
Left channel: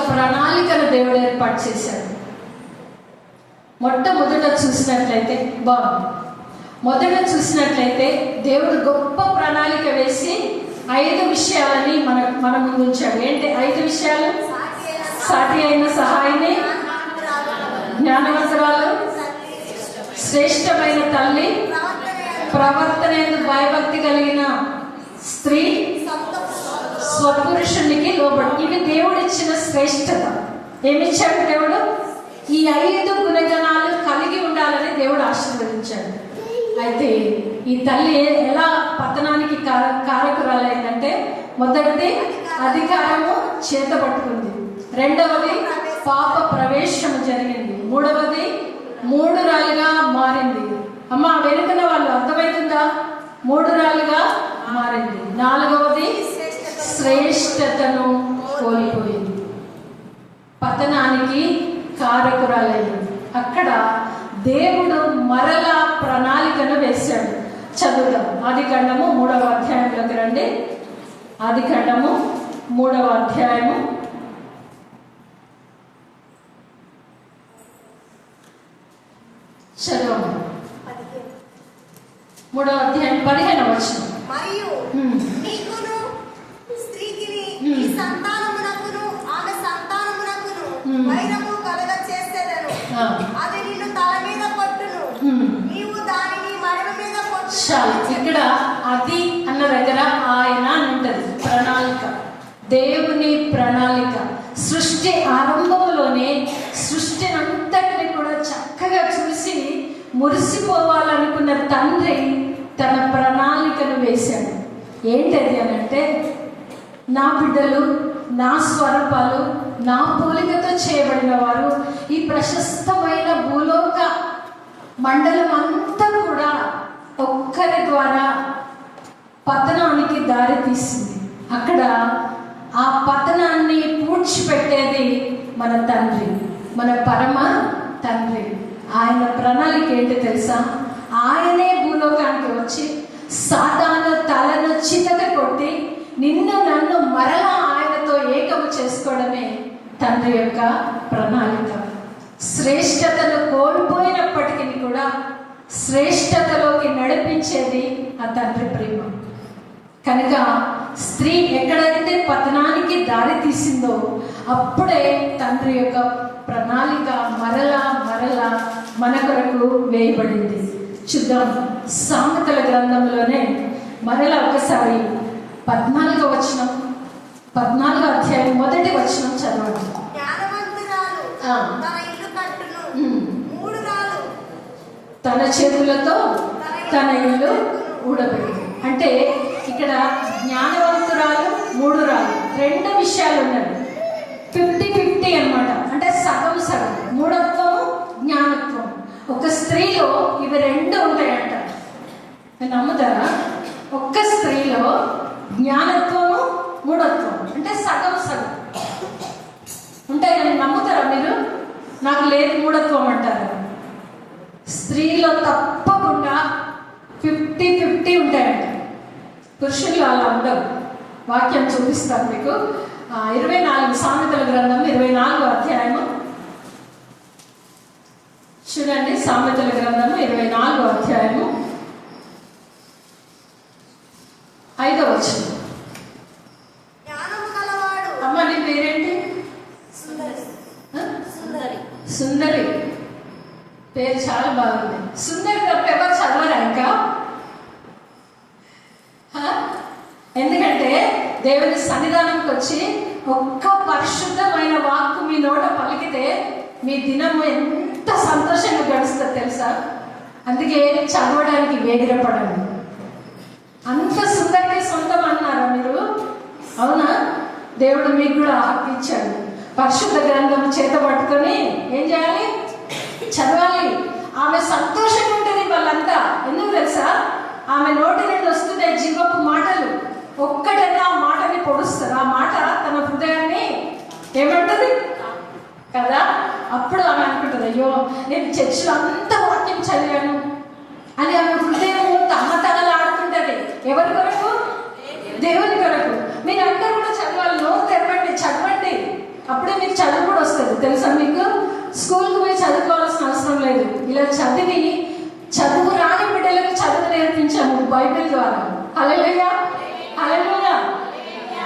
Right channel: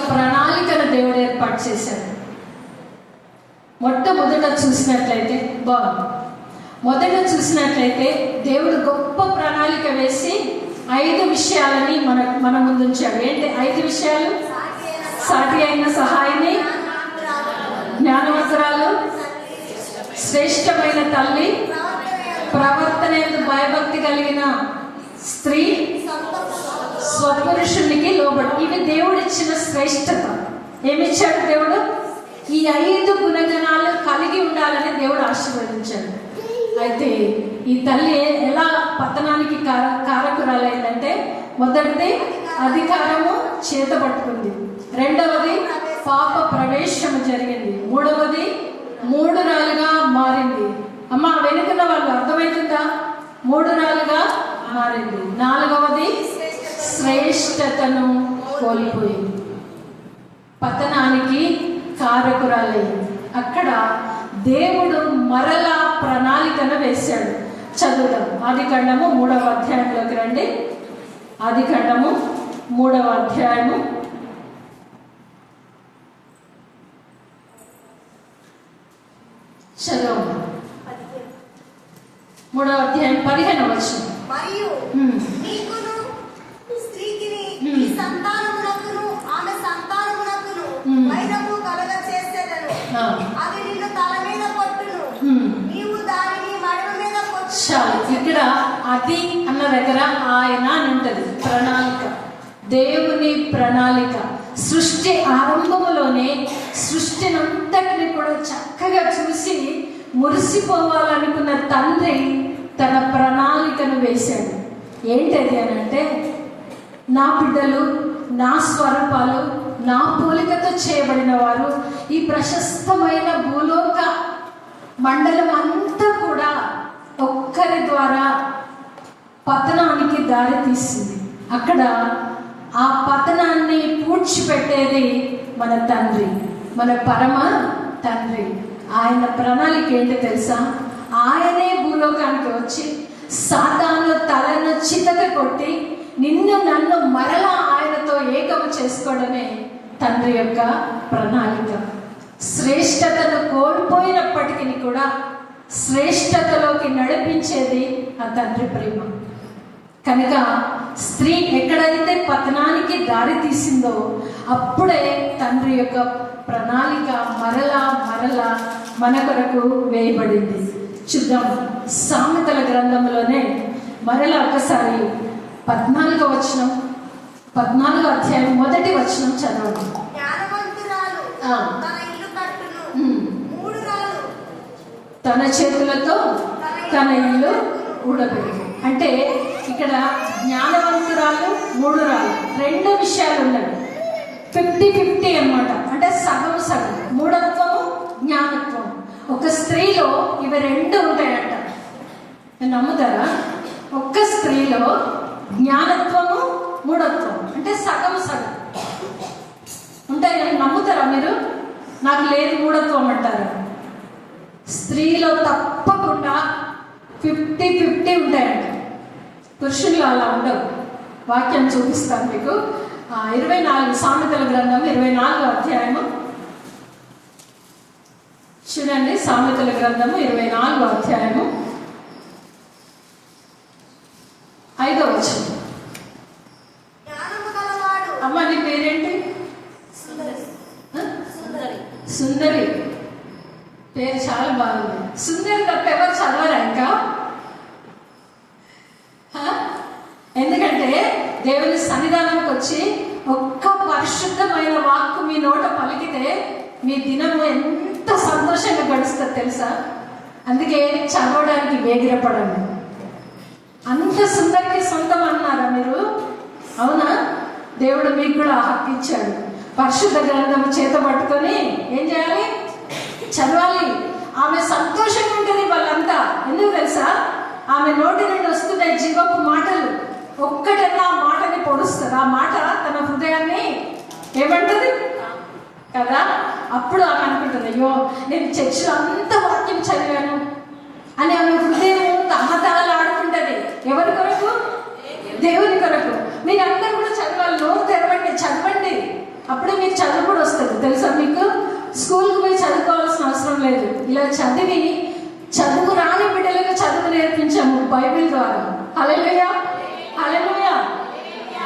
ప్రణాళికను దేవుడు ఏర్పాటు చేశాడు. మొట్టమొదట చూసినట్లయితే దేవుడు గొప్ప ప్రణాళిక వేసి 5 విషయాలని మన ముందు ఉంచాడు. ఏంటి 5 విషయాలు? సాటి అయిన సహాయిని, జ్ఞానవంతురాలు, శ్రేష్టమైన తల్లి, ప్రవర్తన భయభక్తి కలిగిన స్త్రీ, స్వపురుషునికి లోబడి. ఇవి దేవుడు ఇచ్చిన శ్రేష్టత. ఏమిచ్చాడు దేవుడు? ఈ 5 గుణగణాలు కలిగి ఉండాలని దేవుడు ఆశీర్వదించాడు. అయితే ఈ తల్లి ఎలా పతనానికి కారకురాలైందంటే, మొదటిది అధికారము చేత పట్టుకుంది, 2వది పాప ప్రవేశం జరిగింది, 3వది 3 రాళ్ళుగా మారింది. అమ్మా వెనుకన వాళ్ళు అర్థమవుతుందా? 3 రాళ్ళుగా మారింది. 4వది శ్రేష్టతను కోల్పోయింది, పతనానికి కారకురాలైంది. అక్కడ దేవుడు మరలా ప్రణాళికను వేశాడు. చదువుదాం. ఆదికాండము 3వ అధ్యాయంలోకి రండి. ఆదికాండము 3వ అధ్యాయము 3వ అధ్యాయం 15వ వచనం. మరియు ఉమ్. నీకును స్త్రీకిని ఉమ్. ఈ సంతానమునకును ఆమె సంతానమునకును ఉమ్. వైరము కలగ చేసేదను. ఆ. అది నిన్ను తల మీద కొట్టును, ఉమ్. నీవు దానిని మడమ మీద కొట్టును. చాలు. ఇక్కడ అది అన్న దగ్గర ఆయన అని ఉంటది. ప్రణాళిక, దేవుని ప్రణాళిక. సృష్టి ఆరంభంలోనే సృష్టిని అంతటిని కూడా చక్కగా చూసి మురిసిపోవాలనుకున్న తండ్రి తన ప్రణాళికను వేశాడు. ఏంటది అని అంటే, నా బిడ్డలు నా స్వరూపాలు నా పోలికతో చేయబడిన వారు ఈ ప్రశస్తమైన భూలోక మండలం అంతా కూడా ఒక్కరి ద్వారా పతనానికి దారి తీసింది. అక్కడ ఆ పతనాన్ని పూడ్చిపెట్టేది మన తండ్రి, మన పరమ తండ్రి. ఆయన ప్రణాళిక ఏంటో తెలుసా? ఆయనే భూలోకానికి వచ్చి సాతాను తలను చితక కొట్టి నిన్ను నన్ను మరలా ఆయనతో ఏకము చేసుకోవడమే తండ్రి యొక్క ప్రణాళిక. శ్రేష్టతను కోల్పోయినప్పటికీ కూడా శ్రేష్టతలోకి నడిపించేది ఆ తండ్రి ప్రేమ. కనుక స్త్రీ ఎక్కడైతే పతనానికి దారి తీసిందో అప్పుడే తండ్రి యొక్క ప్రణాళిక మరలా మరలా మన కొరకు వేయబడింది. చూద్దాం, సామెతల గ్రంథంలోనే మరలా ఒకసారి 14వ వచనం, 14వ అధ్యాయం 1వ వచనం చదవండి. జ్ఞానవంతురాలు ఆ. తన ఇల్లు కట్టును, ఉమ్. 3 రాళ్ళు తన చేతులతో తన ఇల్లు ఊడబెట్టు. అంటే ఇక్కడ జ్ఞానవంతురాలు 3 రాళ్ళు, 2 విషయాలు ఉన్నాయి. 50-50 అన్నమాట. అంటే సగం సగం, మూఢత్వము జ్ఞానత్వం. ఒక స్త్రీలో ఇవి 2 ఉంటాయంట. నేను నమ్ముతారా? ఒక్క స్త్రీలో జ్ఞానత్వము మూఢత్వం అంటే సగం సగం ఉంటాయి. నేను నమ్ముతారా మీరు? నాకు లేదు మూఢత్వం అంటారా? స్త్రీలో తప్పకుండా 50-50 ఉంటాయండి. పురుషుల్లో అలా ఉండవు. వాక్యం చూపిస్తాను మీకు. 24 సామెతల గ్రంథం 24వ అధ్యాయము చూడండి. సామెతల గ్రంథము 24వ అధ్యాయము 5వ వచనం. జ్ఞానము కలవాడు. అమ్మ నీ పేరేంటి? సుందరి. ఆ? సుందరి. సుందరి పేరు చాలా బాగుంది. సుందరి తప్ప ఎవరు చదవరా ఇంకా? ఎందుకంటే దేవుని సన్నిధానంకి వచ్చి ఒక్క పరిశుద్ధమైన వాక్కు మీ నోట పలికితే మీ దినము ఎంత సంతోషంగా గడుస్తుందో తెలుసా? అందుకే చదవడానికి వేగిరపడండి. అంత సుందరికి సొంతం అన్నారా మీరు? అవునా? దేవుడు మీకు కూడా హక్కు ఇచ్చాడు. పరిశుద్ధ గ్రంథం చేత పట్టుకొని ఏం చేయాలి? చదవాలి. ఆమె సంతోషంగా ఉంటుంది వాళ్ళంతా. ఎందుకు తెలుసా? ఆమె నోటి నుండి వస్తున్నాయి జీవపు మాటలు. ఒక్కటన్నా ఆ మాటని పొడుస్తారు. ఆ మాట తన హృదయాన్ని ఏమంటది కదా? అప్పుడు ఆమె అనుకుంటుంది, అయ్యో నేను చర్చిలో అంత వాక్యం చదివాను అని ఆమె హృదయం తమ్మతలలు ఆడుకుంటది. ఎవరి కొరకు? దేవుని కొరకు. మీరు అందరూ కూడా చదవాలి. నోరు తెరవండి, చదవండి. అప్పుడే మీకు చదువు కూడా వస్తుంది. తెలుసా మీకు? స్కూల్కి పోయి చదువుకోవాల్సిన అవసరం లేదు. ఇలా చదివి చదువు రాని బిడ్డలకు చదువు నేర్పించాము బైబిల్ ద్వారా. హల్లెలూయా, హల్లెలూయా.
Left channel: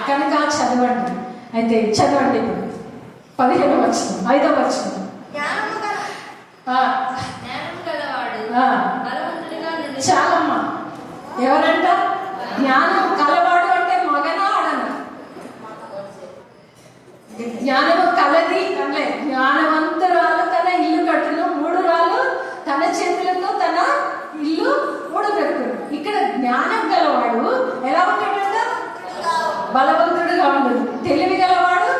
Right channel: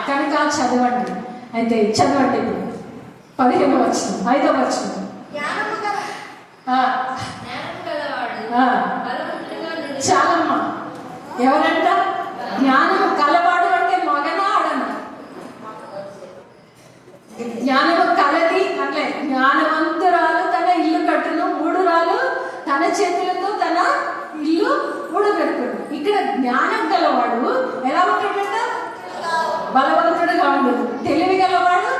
కనుక చదవండి. అయితే చదవండి. ఇప్పుడు 15వ వచనం, 5వ వచనం. జ్ఞానము కల- ఆ, జ్ఞానము కలవాడు ఆ. బలవంతుడిగా నిలుచును. చాలమ్మా. ఎవరంట? జ్ఞానం కలవాడు అంటే మగనా ఆడనా? జ్ఞానము కలది అంటే జ్ఞానవంతురాలు తన ఇల్లు కట్టును, 3 రాళ్ళు తన చేతులతో తన ఇల్లు ఊడబెట్టును. ఇక్కడ జ్ఞానం గలవాడు ఎలా ఉంటాడంట? బలవంతుడుగా ఉండును. తెలివి గలవాడు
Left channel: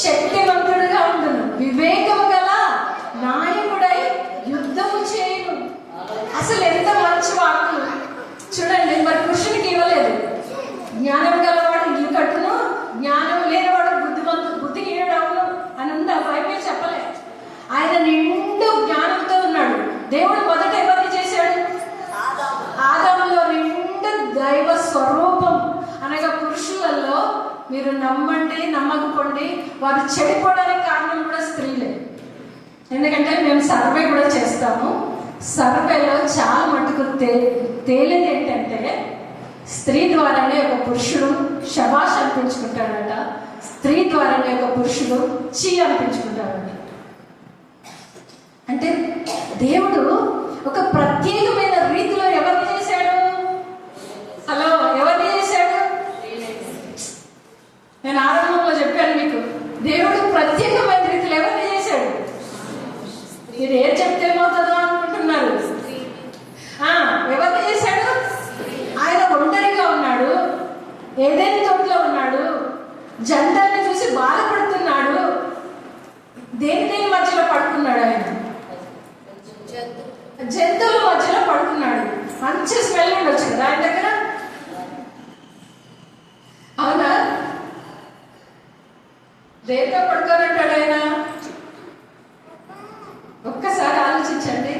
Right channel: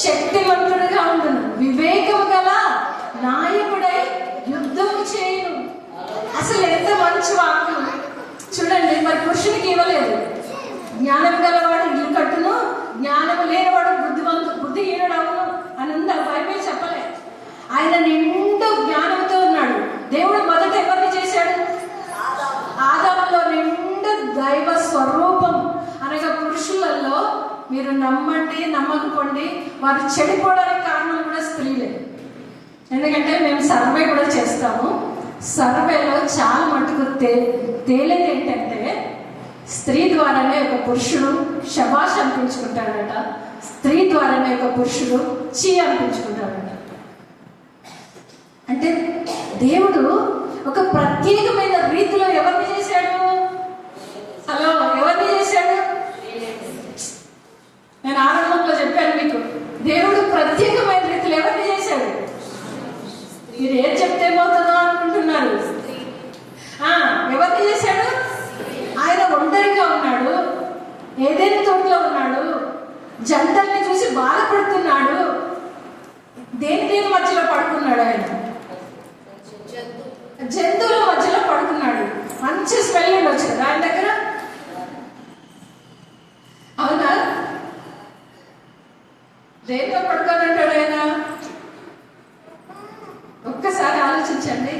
శక్తివంతుడుగా ఉండును. వివేకం గల నాయకుడై యుద్ధం చేయును. అసలు ఎంత మంచి వాక్కు చూడండి. మరి పురుషునికి ఇవ్వలేదు. జ్ఞానం గలవాడు ఇల్లు కట్టును, జ్ఞానం లేనివాడు బుద్ధిహీనుడు అవును అని ఉంది. ఆ బైబిల్ చెప్పలే. ఆయన నిండు జ్ఞానంతో ఉన్నాడు. దేవుడు మొదట ఎవరిని చేశాడు? ఆదాములో నిండు దైవ స్వరూపం. అనగా పురుషులలో మీరు నమ్మండి నమ్మకపోండి, వారు చెడిపోవడానికి కారణం కూడా స్త్రీలే. ఎందుకంటే మేము సర్వే కూడా చేస్తాము. సర్వేలో చాలా మటుకు తేలేది ఏంటంటే స్త్రీ ద్వారానే ఒక పురుషుడు శబాష్ అనిపించుకుంటాడట, స్త్రీ ద్వారానే ఒక పురుషుడు చీ అనిపించుకుంటాడట. అంటే దేవుడు ఒక ప్రత్యేకమైన రీతిలో ఎవరిని చేశాడు? అలా ఎవరిని చేశాడు? నేను ఆరంభంలో చెప్పాను మీకు, దేవుడు ప్రత్యేకమైన రీతిలో ఎవరిని చేశాడు? మీరు ఏం చెప్తే పోతుందో అనుకుంటున్నారు. ఎవరిని చేశాడు? ఆయన ఒంటరిగా ఉన్నాడు, ఏదైనా తోటలో ఉన్నాడు, జంటల్ని చూసి బాధపడుతున్నాడు. దేని మధ్యలో పడుకున్నాడు? ఆయన జంతువుల మధ్యలో పడుకున్నాడు. మంచి స్మెల్ ఉండొచ్చు కదా ఆయన దగ్గర, అవునా? దేంతో పడుకోనంటాడు ఆయన? ఒక్కసారి ఆలోచించండి.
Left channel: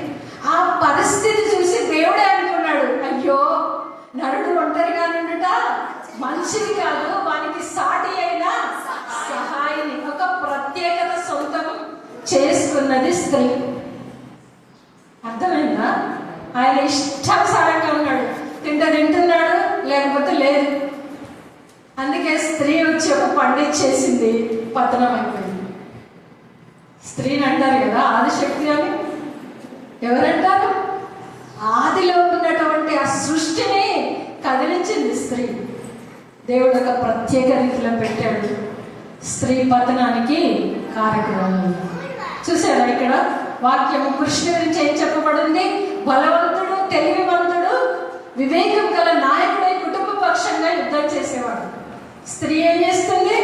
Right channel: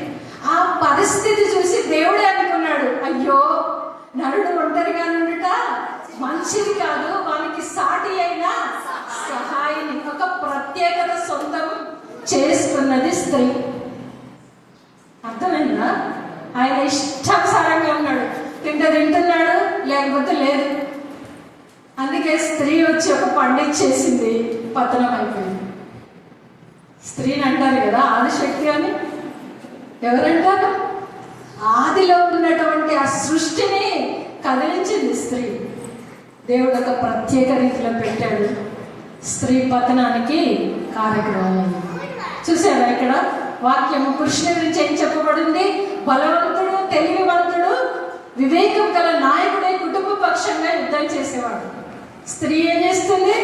ఆ పరిస్థితి చూసి దేవుడే అనుకున్నాడు, అయ్యో నరుడు ఒంటరిగా నుండుట మంచిది కాదు, వానికి సాటి అయిన సహాయిని, ఒక ప్రత్యేకత సొంతం చేసుకున్నది స్త్రీ. అర్థమైందా? ఆయన ఇష్టానుసారంగా ఉన్నాడు, తింటున్నాడు, లేకపోతే లేదు. అందుకే స్త్రీ వచ్చి ఒక పండిచ్చేసింది, పతనం అయిపోయింది. స్త్రీని అంటారు కదా ఆదిశక్తి అని. ఎవరంటారు? ఆదిలో ఉన్నటువంటి ఆ సృష్టిని కదిలించింది స్త్రీ. దేవుడు ఒక ప్రత్యేక రీతిలో పెట్టాడు, స్త్రీ పతనానికి కారకురాలు. చూసారా ఇక్కడ వాక్యము కృష్ణ గురించి ఏం చెప్పబడింది? బలవంతుడు, తెలివివంతుడు, వివేకం గల నాయకుడై కుటుంబ పక్షంగా యుద్ధం చేసేవాడు. స్త్రీ ఏం చేస్తుంది?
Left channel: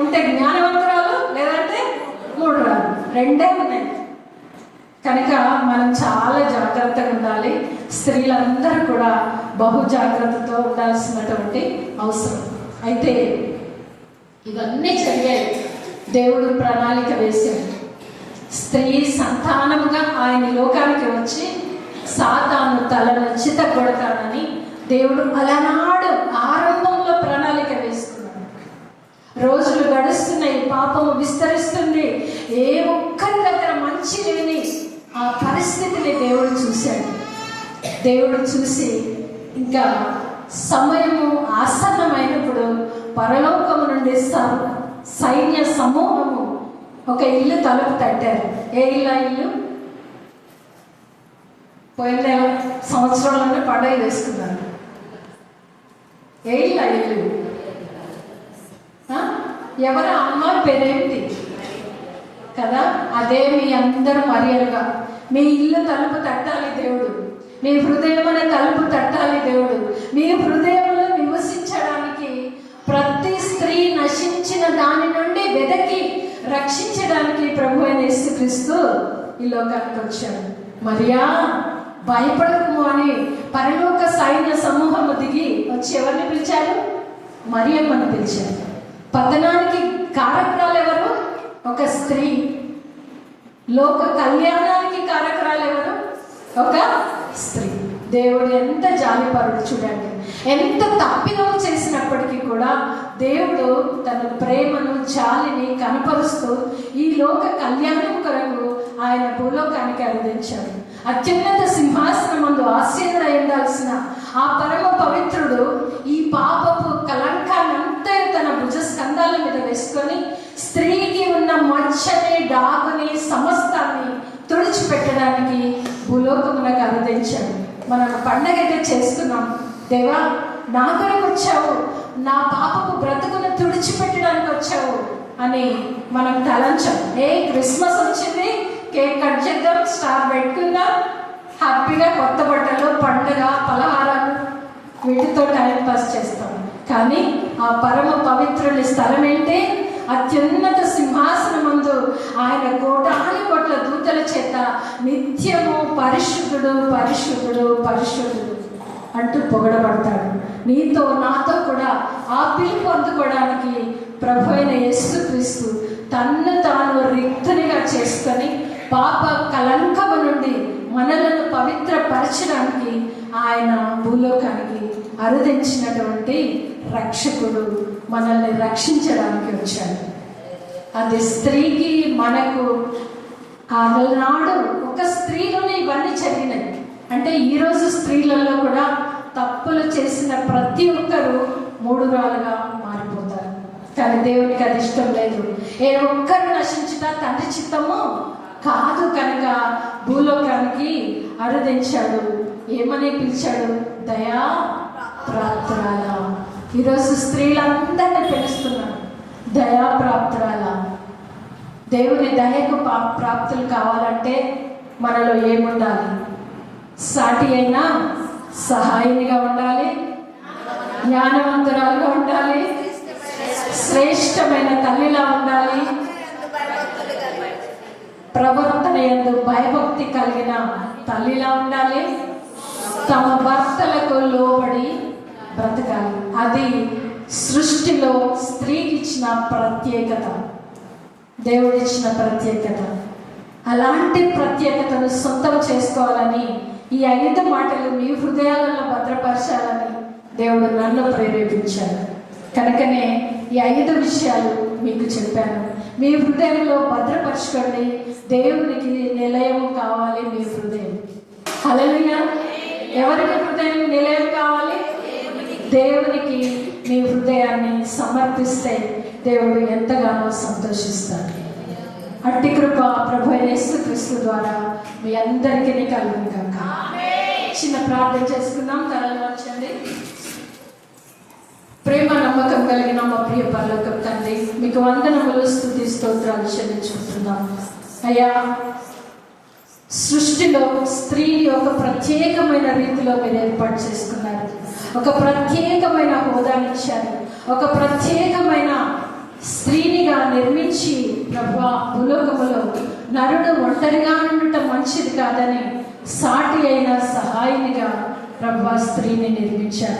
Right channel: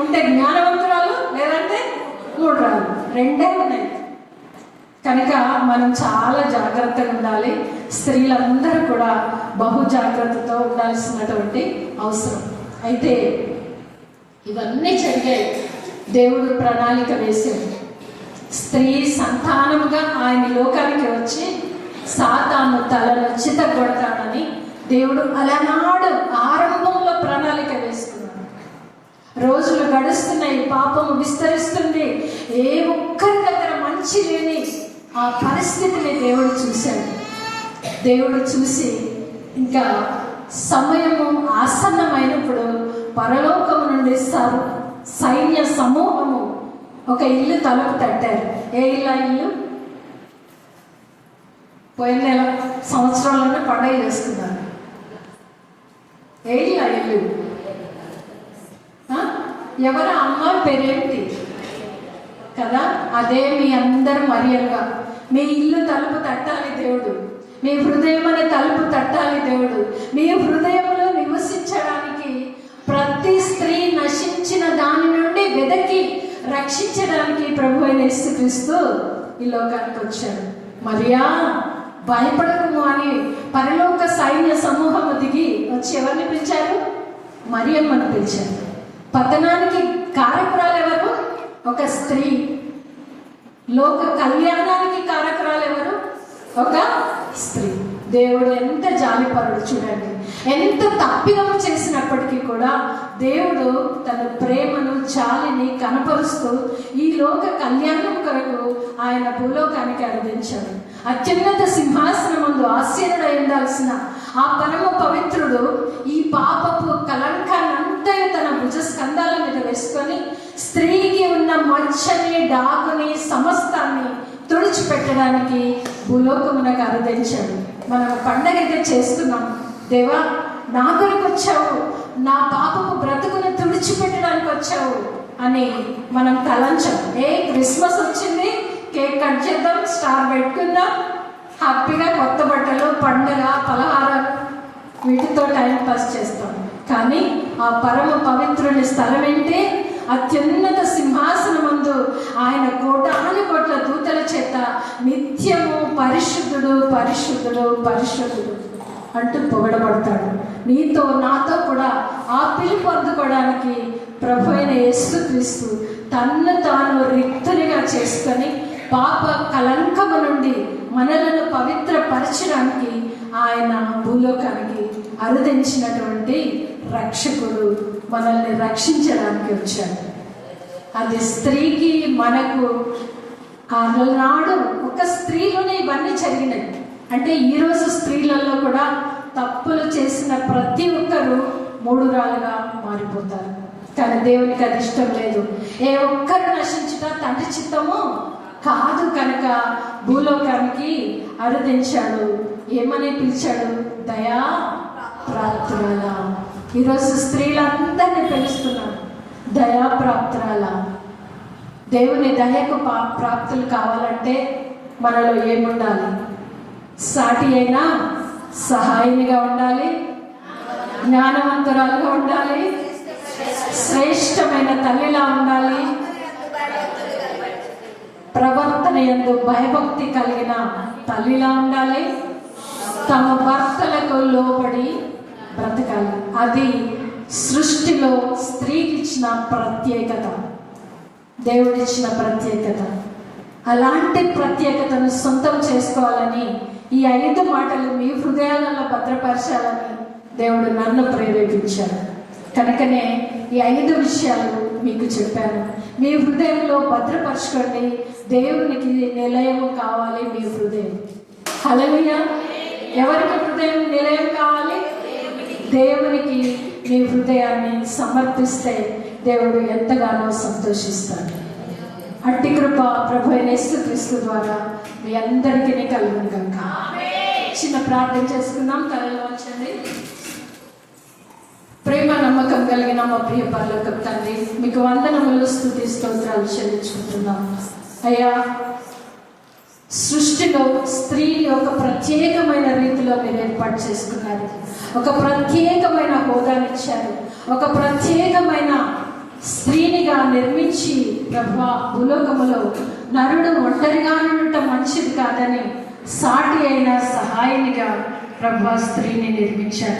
ఉంటే జ్ఞానవంతురాలు, లేదంటే మూఢురాలు, రెండే ఉన్నాయి. కనుక మనం చాలా జాగ్రత్తగా ఉండాలి. స్త్రీలందరూ కూడా బహు జాగ్రత్తతో ఉండాల్సినటువంటి అవసరం. అయితే ఇవన్నీ జరిగాయి, దేవుడు ప్రణాళిక వేశాడు. స్త్రీ సంతానముగా ఆయన లోకానికి వచ్చి సాతాను తలను చితగొడతాడని దేవుడు అలనాడు ఆరంభంలో ప్రణాళిక వేస్తున్నాడు. రోజులు గడుస్తున్నాయి, పాపం విస్తరిస్తుంది, ఏ ఒక్కరి దగ్గర మంచి లేని ఆ పరిస్థితిని దేవుడు చూశాడు. దేవుడు చూసి ఇంకా సమయము ఆసన్నమైనప్పుడు పరలోకము నుండి సైన్య సమూహము ఒక ఇల్లు తలుపు తట్టారు. ఏ ఇల్లు? పోయిన సంవత్సరంలోనే పండుగ చేసుకున్నారు. ఏ ఇల్లు? ఎవరు? అమ్మ పేరేంటి కదా? అదే మీ అందరూ మరియలుగా మీ ఇల్లు తలుపు తట్టాలి దేవుడు, మీ హృదయమనే తలుపు తట్టాలి దేవుడు. మీ హృదయంలో నివసించడానికి ప్రతి స్త్రీ నశించిన దాని నుండి వెదకి రక్షించడానికి ప్రభు అయిన యేసుక్రీస్తు ఈ లోకానికి వచ్చాడు. మరియా భయపడకు అని పరలోక సైన్య సమూహము దిగి వచ్చి ఎవరిని పిలిచారు? మరియమ్మను పిలిచారు. పతనానికి కారకురాలు ఎవరు? ఒక స్త్రీ. లోక కళ్యాణానికి కారకురాలు ఎవరు? ఒక స్త్రీ. దేవుడు ఎంత జాలిపరుడు చూడండి. ఎంత తప్పిదం చేసినప్పటికీ కూడా దేవుడు తన ప్రేమను, జాలిని కనపరుస్తూ ఈ లోక కళ్యాణం కొరకు ఆయన భూలోకానికి అందించాడు. అత్యున్నత సింహాసనం ముందు ఆసీనుడై ఉండాల్సిన ఆ పరమ పవిత్రుడు ఈ పాపపు కలంకాన్నంతా తన భుజ స్కంధాల మీద వేసుకొని స్త్రీకి ఉన్న మచ్చని, డాగుని, సమస్తాన్ని తుడిచిపెట్టడానికి భూలోకమునకు అందించాడు. మనం పండగ అయితే చేస్తున్నాం. దేవా నా కొరకు వచ్చావు, నా పాపపు బ్రతుకును తుడిచిపెట్టడానికి వచ్చావు అని మనం తలంచాం. క్రిస్మస్ వచ్చింది, కేక్ కట్ చేద్దాం, స్టార్ పెట్టుకుందాం, హ్యాపీగా కొత్త బట్టలు, పండుగ, పలహారాలు, వీటితో టైం పాస్ చేస్తాం. కానీ ఆ పరమ పవిత్రుని స్థలం ఏంటి? అత్యున్నత సింహాసనం ముందు ఆయన కోటాను కోట్ల దూతల చేత నిత్యము పరిశుద్ధుడు, పరిశుద్ధుడు, పరిశుద్ధుడు అంటూ పొగడబడతాడు. నీతో నాతో కూడా ఆ పిలుపు అందుకోవడానికి ప్రభు అయిన యేసుక్రీస్తు తన్ను తాను రిక్తునిగా చేసుకొని పాప కలంకము నుండి మనలను పవిత్రపరచడానికి ఆయన భూలోకానికి అరుదించినటువంటి రక్షకుడు మనల్ని రక్షించడానికి వచ్చాడు. అది స్త్రీకి మనకు ఆనాడు ఒక స్త్రీలోనే ఇవన్నీ జరిగినాయి. అంటే ఈరోజు స్త్రీలలో కూడా తప్పులు చేసిన ప్రతి ఒక్కరూ మూఢురాలుగా మారిపోతారు. కానీ దేవునికి అది ఇష్టం లేదు. ఏ ఒక్కరు నశించుట తండ్రి చిత్తము కాదు కనుక భూలోకానికి అరుదించాడు. ఏమని పిలిచాడు? దయా ప్రాప్తురాల. ఈరోజు స్త్రీలందరినీ పిలుస్తున్నాడు దయా ప్రాప్తురాల. దేవుని దయకు ప్రాప్తులు కావాలంటే మనలో ఏముండాలి? సాటి అయినా సహాయినిగా ఉండాలి, జ్ఞానవంతురాలుగా ఉండాలి, శ్రేష్టమైన తల్లిలా ఉండాలి, ప్రవర్తన యందు భయభక్తి కలిగిన తల్లిలా ఉండాలి, తమ భర్తలకు లోబడి బ్రతకాలి. అది సృష్టిలో స్త్రీకి ఇచ్చిన ప్రత్యేకత, దేవుడిచ్చిన ప్రత్యేకత. అలాంటి ప్రత్యేకతను సొంతం చేసుకోవాలని ఈ 5 మాటలు మీ హృదయాలలో భద్రపరచాలని దేవుడు నన్ను ప్రేరేపించాడు. కనుకనే ఈ 5 విషయాలు మీకు చెప్పాను. మీ హృదయంలో భద్రపరచుకోండి. దేవునికి నిలయం కావాలి మీ హృదయం. హల్లెలూయా. ఎవరికి హృదయం నిలయం కావాలి? దేవునికి మీ హృదయాన్ని సమర్పిస్తే దేవుడు ఎంతగానో సంతోషిస్తాడు. అట్టి కృప ప్రభు యేసుక్రీస్తు ద్వారా మీ అందరికీ కలుగును గాక. చిన్న ప్రార్థన చేసుకుందాం. తలలు వంచండి. ప్రేమ నమ్మకం కలిగిన మా ప్రియ పరలోకపు తండ్రి, మీకు వందనములు, స్తుతి, స్తోత్రాలు చెల్లించుకుంటున్నాం. అయ్యా, సృష్టిలో స్త్రీ ఒక ప్రత్యేకమైన రీతిలో మీరు ఏర్పాటు చేసుకున్నారు. ఒక ప్రత్యేకమైన హోదానిచ్చారు. ఒక ప్రత్యేకమైన స్త్రీనిగా నిర్మించి ప్రభువా, భూలోకములో నరుడు ఒంటరిగా ఉండటం మంచిది కాదని సాటి అయిన సహాయనిగా ప్రభువా స్త్రీని నిర్మించారు.